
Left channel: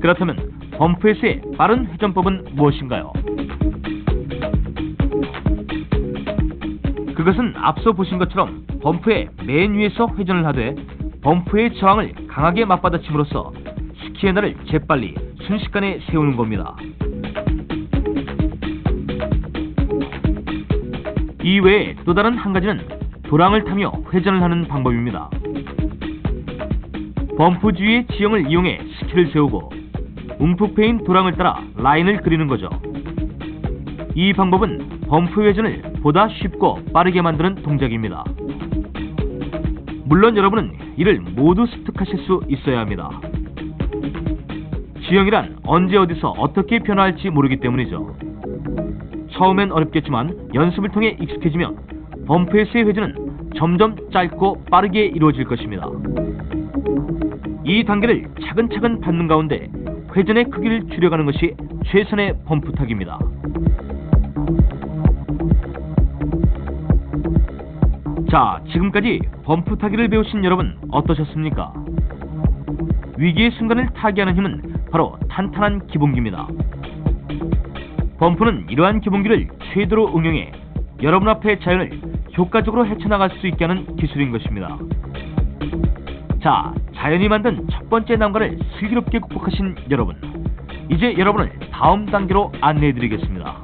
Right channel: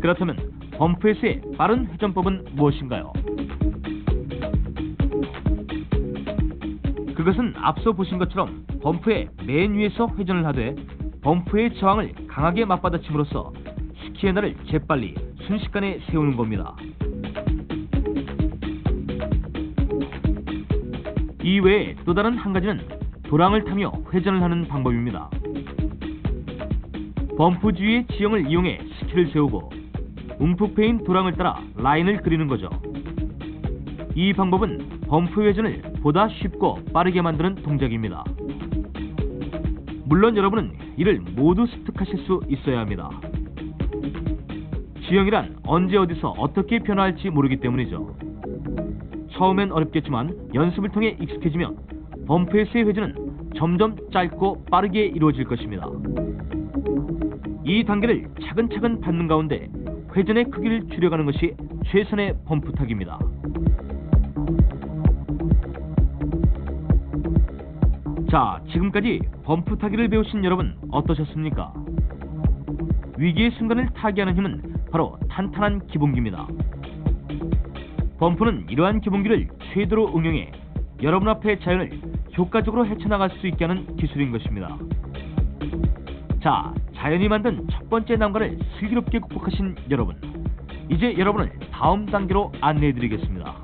그렇다면 범프에서의 빠른 회전법은 무엇인가요? 그것은 앞서 보신 것처럼 범프의 맨 위에서 회전을 하되 범프의 저항을 강하게 맞받아침으로써 스키의 날을 재빨리 순식간에 세우는 겁니다. 이 외에 또 다른 한 가지는 도랑을 타며 회전을 하는 방법입니다. 범프 주위의 지형을 이용해 스키를 세우고 움푹 패인 도랑을 따라 라인을 그리는 거죠. 이 방법은 범프 회전을 보다 쉽고 빠르게 만드는 동작입니다. 물론 여러분은 이를 모두 습득하실 수 있어야 합니다. 지형이란 언제 어디서 어떻게 변화할지 모르기 때문이죠. 처음엔 어렵겠지만 연습을 통해 익숙해지면 범프에서의 회전은 점점 짧고 빠르게 이루어질 것입니다. 이 단계를 차근차근 밟는 가운데 회전의 크기를 줄여가는 것이 최선의 범프 타기입니다. 자, 지금까지 범프 타기를 배우신 여러분 어떠셨습니까? 위기의 순간을 타개하는 힘은 바로 탄탄한 기본기입니다. 범프는 이러한 기본기를 최대로 응용해 여러분 앞의 자연을 효과적으로 헤쳐나갈 수 있게 하는 기술인 것입니다. 자, 자연이 만든 첫 번째 난관을 슬기롭게 극복하신 여러분, 이제 여러분을 다음 단계로 안내해드리겠습니다.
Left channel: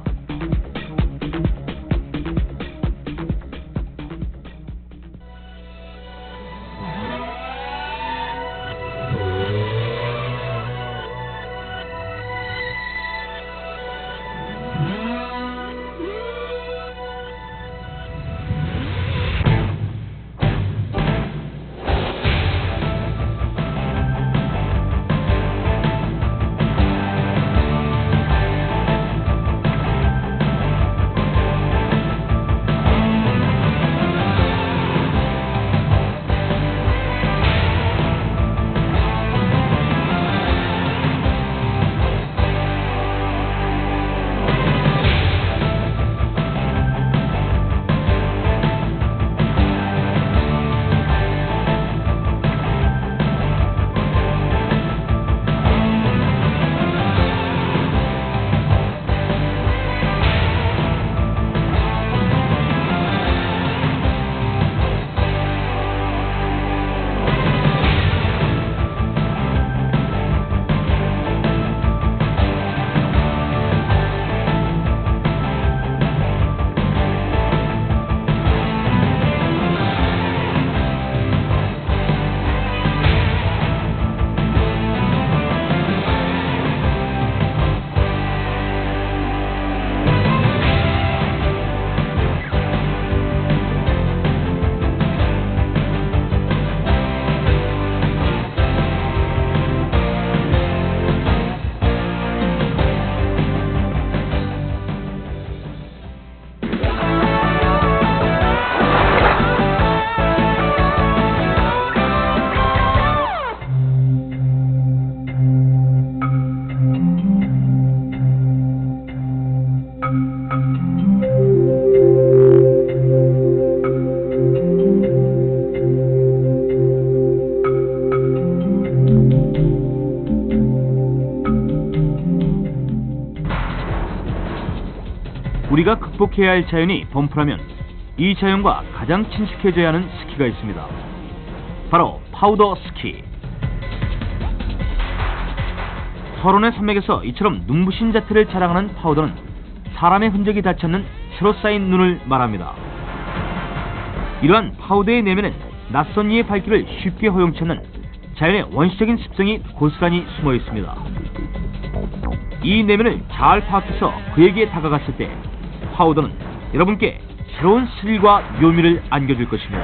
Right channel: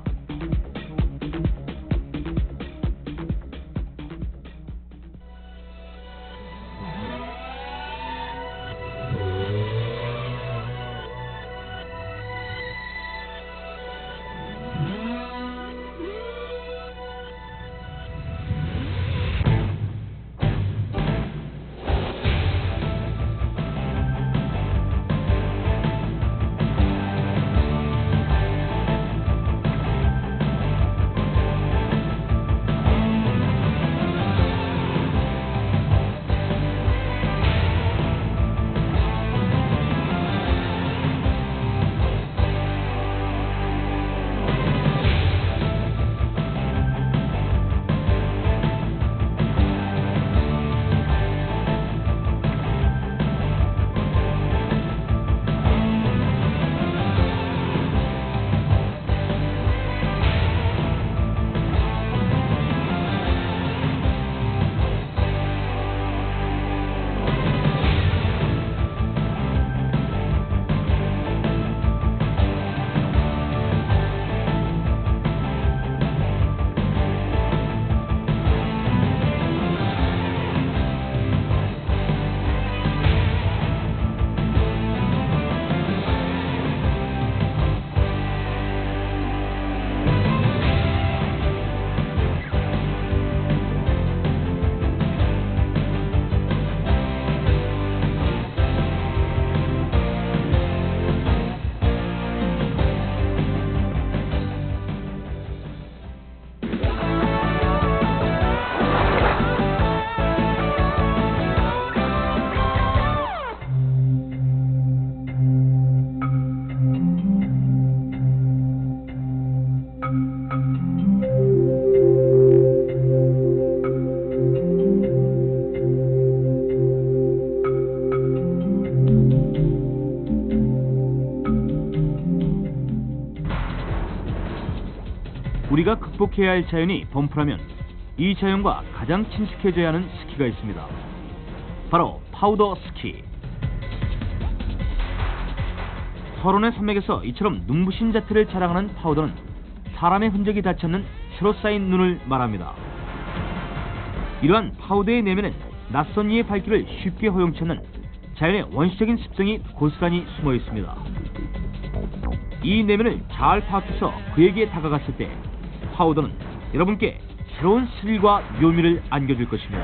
우리가 극복해야 할 자연이 범프라면 이 자연과 가장 친숙해져야 하는 스키가 있습니다. 바로 파우더 스키. 설원의 산맥에서 이처럼 눈부신 자태를 자랑하는 파우더는 사람의 흔적이 닿지 않는 새로 쌓인 눈을 말합니다. 이러한 파우더의 내면엔 낯선 이의 발길을 쉽게 허용치 않는 자연의 원시적인 습성이 고스란히 숨어 있습니다. 이 내면을 잘 파악해서 그에게 다가갔을 때 파우더는 여러분께 새로운 스릴과 묘미를 안겨줄 것입니다.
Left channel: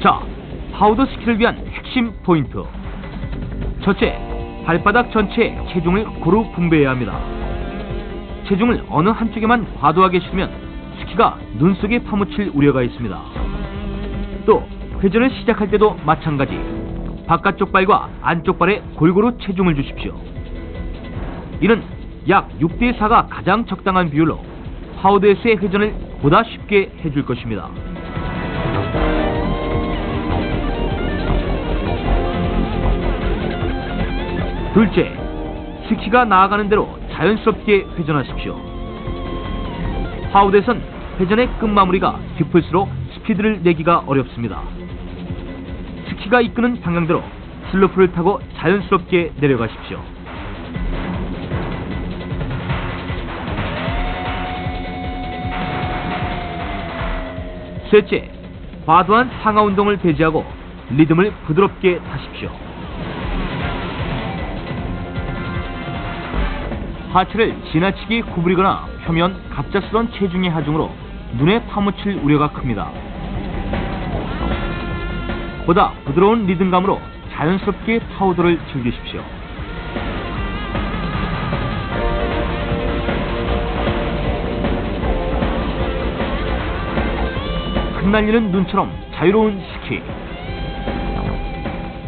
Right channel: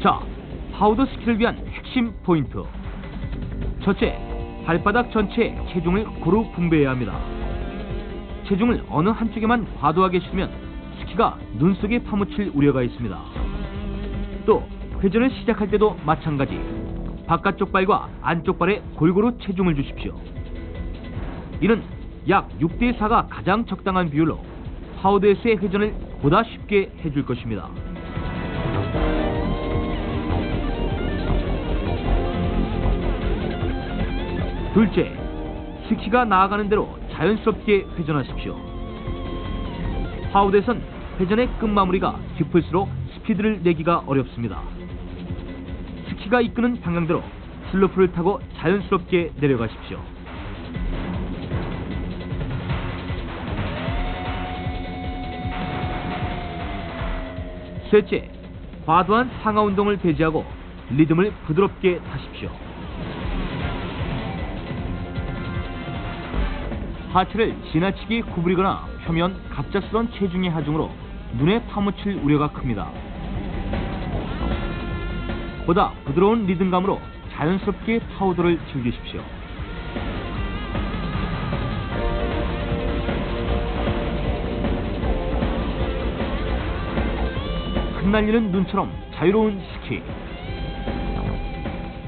자, 파우더 스키를 위한 핵심 포인트. 첫째, 발바닥 전체에 체중을 고루 분배해야 합니다. 체중을 어느 한쪽에만 과도하게 실으면 스키가 눈 속에 파묻힐 우려가 있습니다. 또 회전을 시작할 때도 마찬가지, 바깥쪽 발과 안쪽 발에 골고루 체중을 주십시오. 이는 약 6대4가 가장 적당한 비율로 파우더에서의 회전을 보다 쉽게 해줄 것입니다. 둘째, 스키가 나아가는 대로 자연스럽게 회전하십시오. 파우더에선 회전의 끝마무리가 깊을수록 스피드를 내기가 어렵습니다. 스키가 이끄는 방향대로 슬로프를 타고 자연스럽게 내려가십시오. 셋째, 과도한 상하 운동을 배제하고 리듬을 부드럽게 타십시오. 하체를 지나치게 구부리거나 펴면 갑작스러운 체중의 하중으로 눈에 파묻힐 우려가 큽니다. 보다 부드러운 리듬감으로 자연스럽게 파우더를 즐기십시오. 흩날리는 눈처럼 자유로운 스키.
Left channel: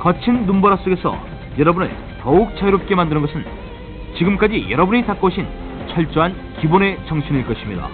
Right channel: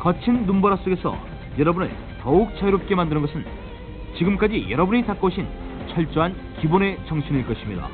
거친 눈보라 속에서 여러분을 더욱 자유롭게 만드는 것은 지금까지 여러분이 닦고 오신 철저한 기본의 정신일 것입니다.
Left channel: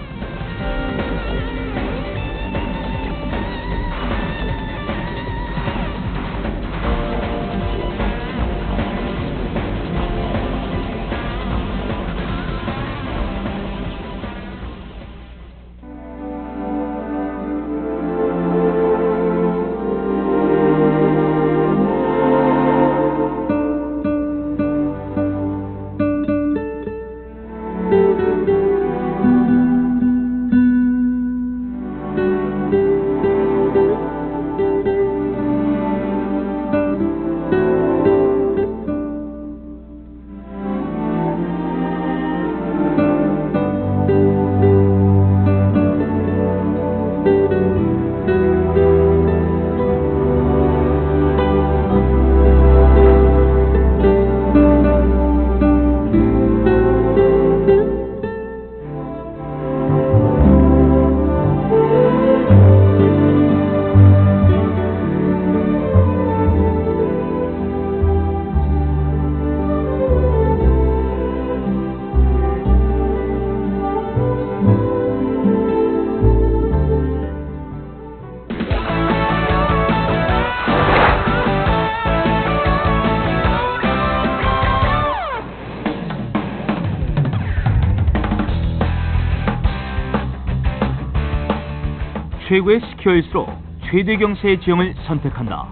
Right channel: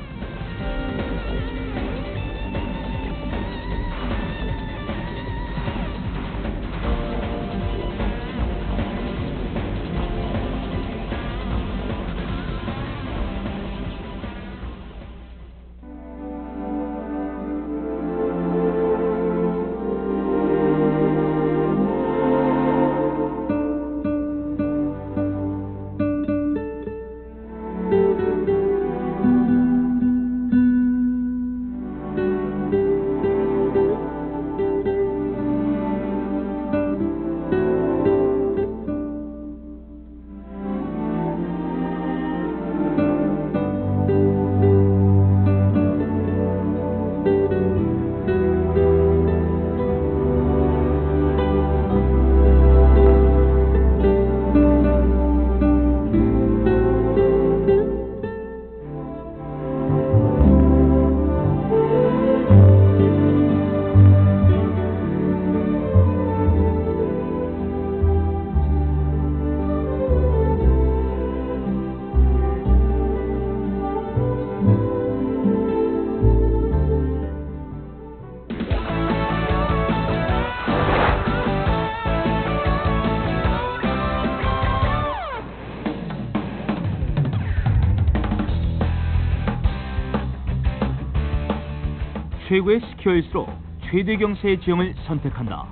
최고의 스키어일수록 최대 경사의 지형을 선택한다.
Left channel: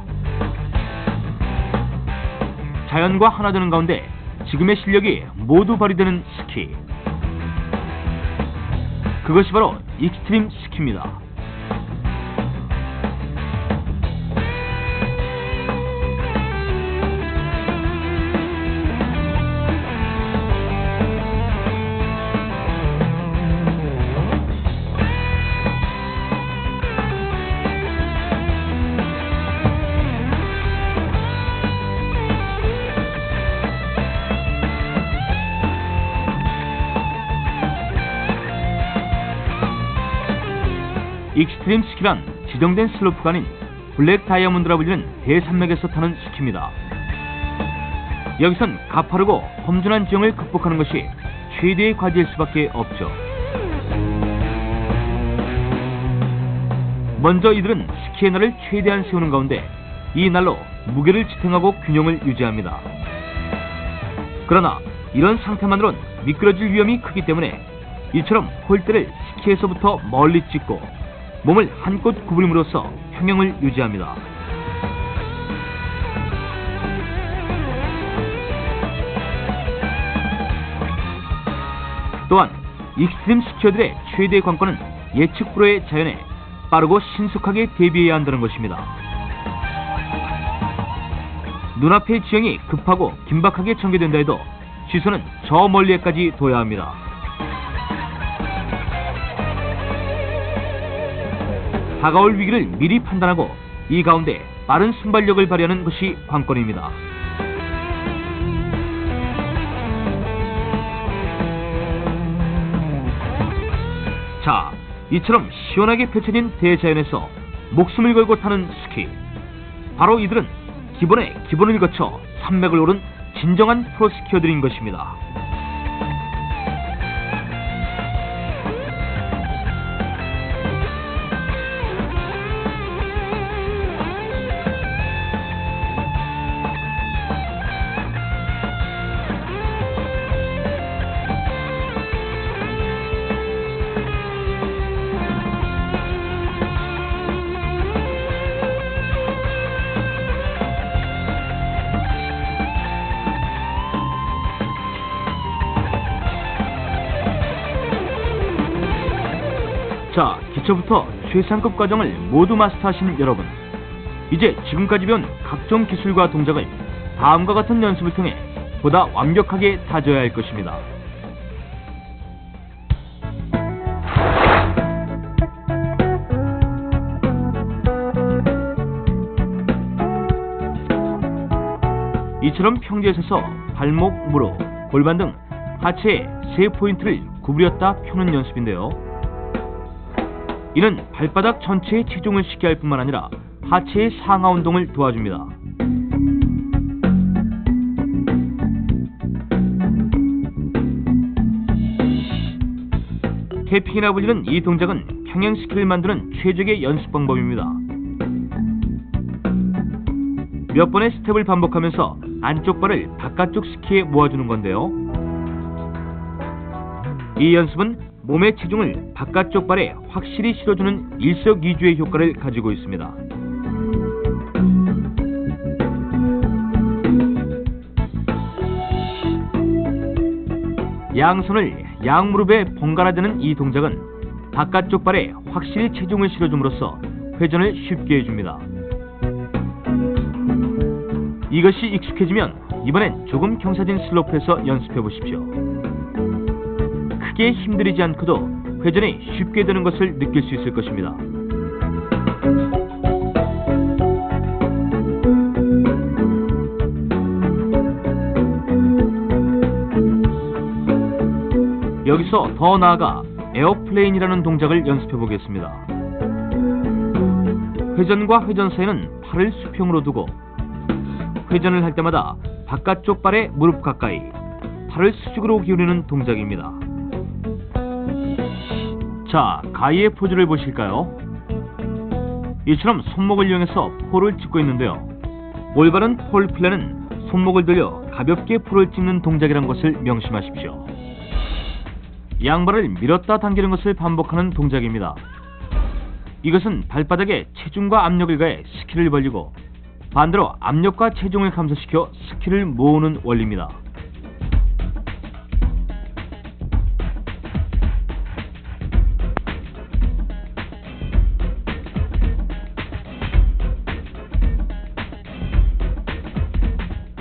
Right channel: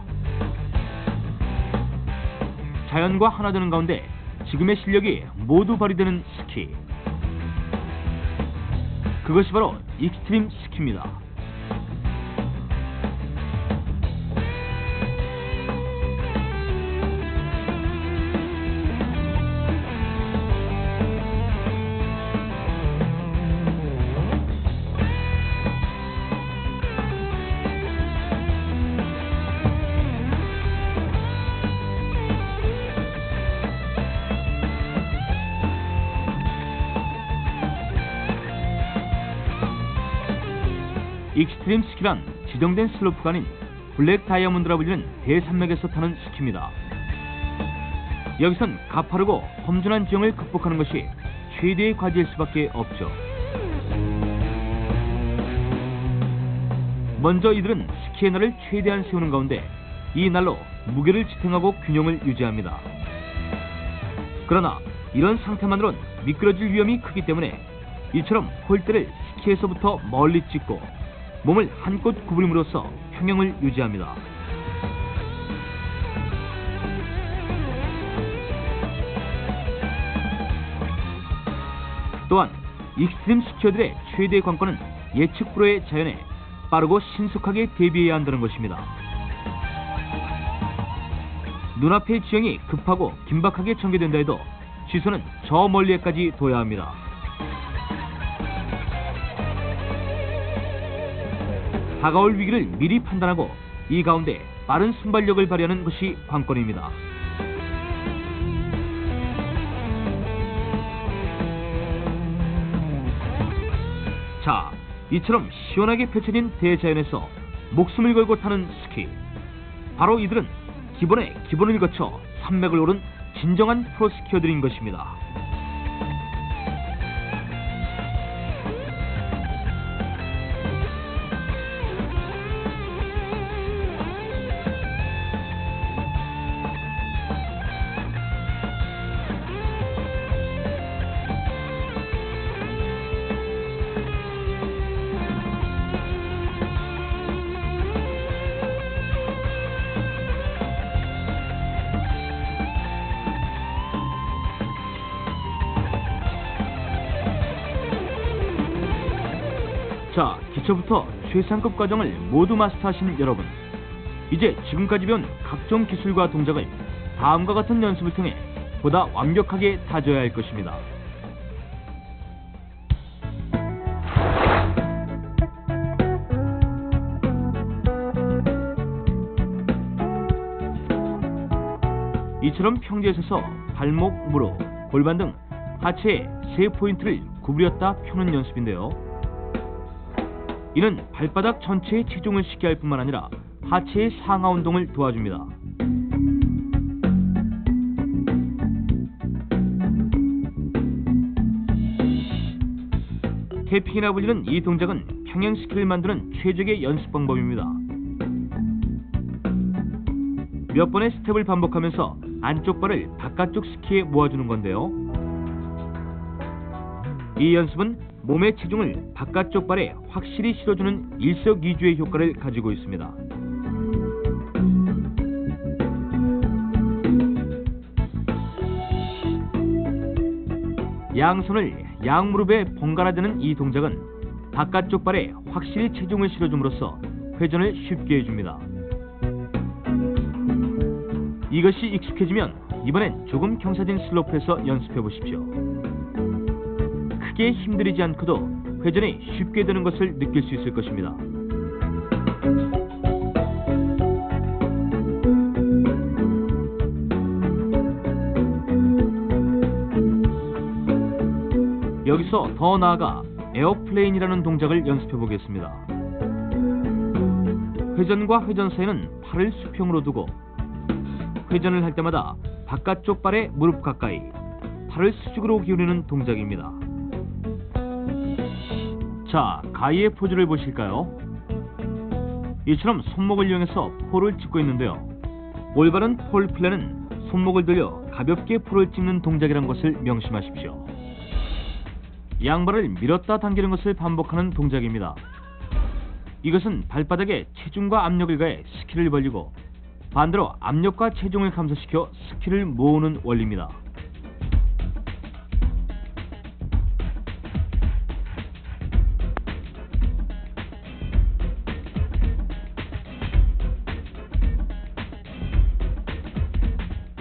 자연과 하나 되는 가운데 지금의 실력이 모두 발휘되는 스키. 그것이 바로 익스트림 스키입니다. 익스트림 스키란 지정된 슬로프가 아닌 블랙 다이아몬드라 불리는 대산맥에서 타는 스키입니다. 여기선 가파르고 험준한 지형을 극복하는 것이 최대의 과제일 수밖에 없죠. 먼저 이들은 스키의 날을 최대한 세우는 가운데 이 날로 무게를 지탱하고 균형을 유지합니다. 그러나 이런 상태만으론 미끄러질 위험이 크기 때문에 이처럼 폴대를 스키에서부터 멀리 찍고 몸을 한껏 구부림으로써 평형을 유지합니다. 또한 익스트림 스키어들의 최대 관건은 예측 불허의 자연에 빠르고 신속하게 대비해야 한다는 것입니다. 눈앞의 지형이 급하고 긴박하게 전개된다 해도 시선은 저 멀리에까지 둬야 합니다. 다가올 위기를 미리 판단하고 이 가운데 빠른 순발력을 발휘하는 것이 관건입니다. 자, 이처럼 시원하게 펼쳐진 대자연에서 목숨을 걸고 타는 스키. 바로 이들은 기본의 기본을 거쳐 산맥을 오른 진정한 프로 스키어들인 것입니다. 자, 기초부터 최상급 과정을 모두 마스터하신 여러분, 이제 지금까지 배운 각종 기술과 동작을 다음과 같은 연습을 통해 보다 완벽하게 다져야 할 것입니다. 이처럼 평지에 서서 발목, 무릎, 골반 등 하체의 세 포인트를 구부렸다 펴는 연습인데요. 이는 발바닥 전체의 체중을 쉽게 할 뿐만 아니라 하체의 상하 운동을 도와줍니다. 태핑이라 불리는 이 동작은 평행 스키를 만드는 최적의 연습 방법입니다. 몇 번의 스텝을 반복하면서 안쪽 발을 바깥쪽 스키에 모아주는 건데요. 이 연습은 몸의 체중을 바깥쪽 발에 확실히 실어주는 일석이조의 효과를 가지고 있습니다. 양손을 양무릎에 번갈아 대는 이 동작은 바깥쪽 발에 확실히 체중을 실어줌으로써 회전을 쉽게 해줍니다. 이것이 익숙해지면 이번엔 조금 경사진 슬로프에서 연습해 보십시오. 크게 힘들이지 않고도 회전이 쉽게 되는 것을 느낄 수 있을 것입니다. 여기서 더 나아가 에어플레인이라는 동작을 연습해 보겠습니다. 회전과 회전 사이는 팔을 수평으로 두고 회전을 할 때마다 바깥쪽 발의 무릎 가까이 팔을 수직으로 기울이는 동작입니다. 자, 가이의 포즈를 보실까요? 이처럼 손목을 이용해서 폴을 찍고 있는데요. 올바른 폴 플레는 손목을 들려 가볍게 폴을 찍는 동작이란 것을 명심하십시오. 양발을 밀었다 당기는 것을 반복하는 동작입니다. 이것은 발바닥에 체중과 압력을 가해 스키를 벌리고 반대로 압력과 체중을 감소시켜 스키를 모으는 원리입니다.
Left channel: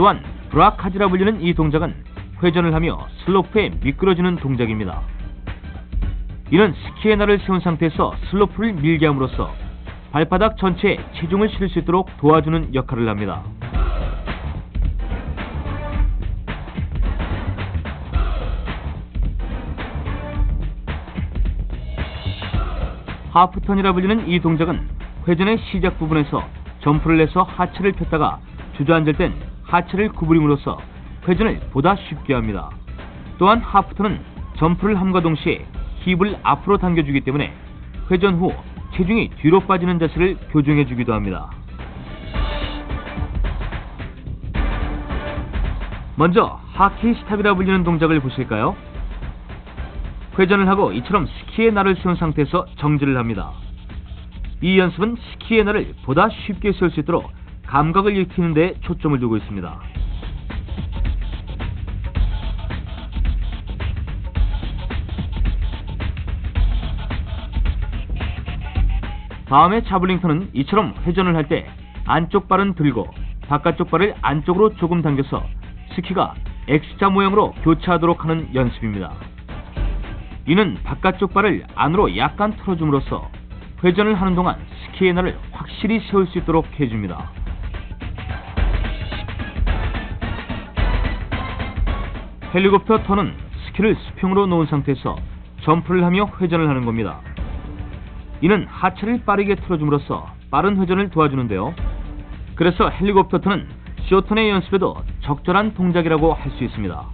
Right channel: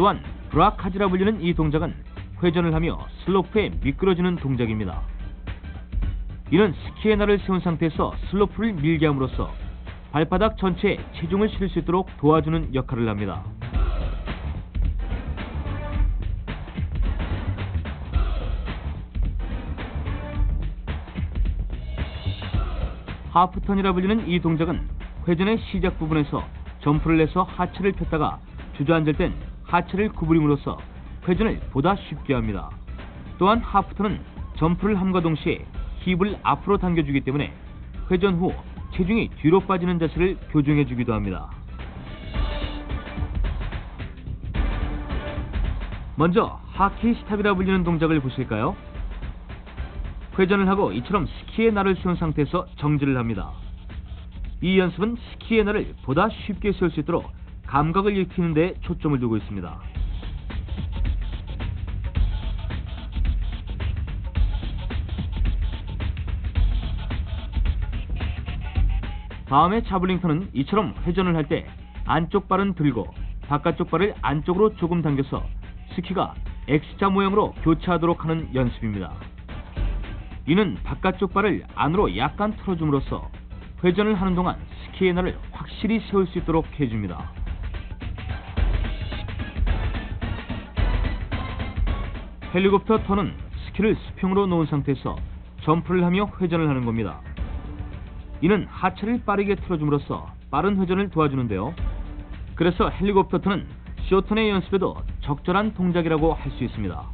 또한 브라카즈라 불리는 이 동작은 회전을 하며 슬로프에 미끄러지는 동작입니다. 이는 스키의 날을 세운 상태에서 슬로프를 밀게 함으로써 발바닥 전체에 체중을 실을 수 있도록 도와주는 역할을 합니다. 하프턴이라 불리는 이 동작은 회전의 시작 부분에서 점프를 해서 하체를 폈다가 주저앉을 땐 하체를 구부림으로써 회전을 보다 쉽게 합니다. 또한 하프턴은 점프를 함과 동시에 힙을 앞으로 당겨주기 때문에 회전 후 체중이 뒤로 빠지는 자세를 교정해주기도 합니다. 먼저 하키 스탑이라 불리는 동작을 보실까요? 회전을 하고 이처럼 스키의 날을 세운 상태에서 정지를 합니다. 이 연습은 스키의 날을 보다 쉽게 세울 수 있도록 감각을 익히는 데 초점을 두고 있습니다. 다음에 자블링턴은 이처럼 회전을 할 때 안쪽 발은 들고 바깥쪽 발을 안쪽으로 조금 당겨서 스키가 X자 모양으로 교차하도록 하는 연습입니다. 이는 바깥쪽 발을 안으로 약간 틀어줌으로써 회전을 하는 동안 스키의 날을 확실히 세울 수 있도록 해줍니다. 헬리콥터 턴은 스키를 수평으로 놓은 상태에서 점프를 하며 회전을 하는 겁니다. 이는 하체를 빠르게 틀어줌으로써 빠른 회전을 도와주는데요. 그래서 헬리콥터 턴은 쇼턴의 연습에도 적절한 동작이라고 할 수 있습니다.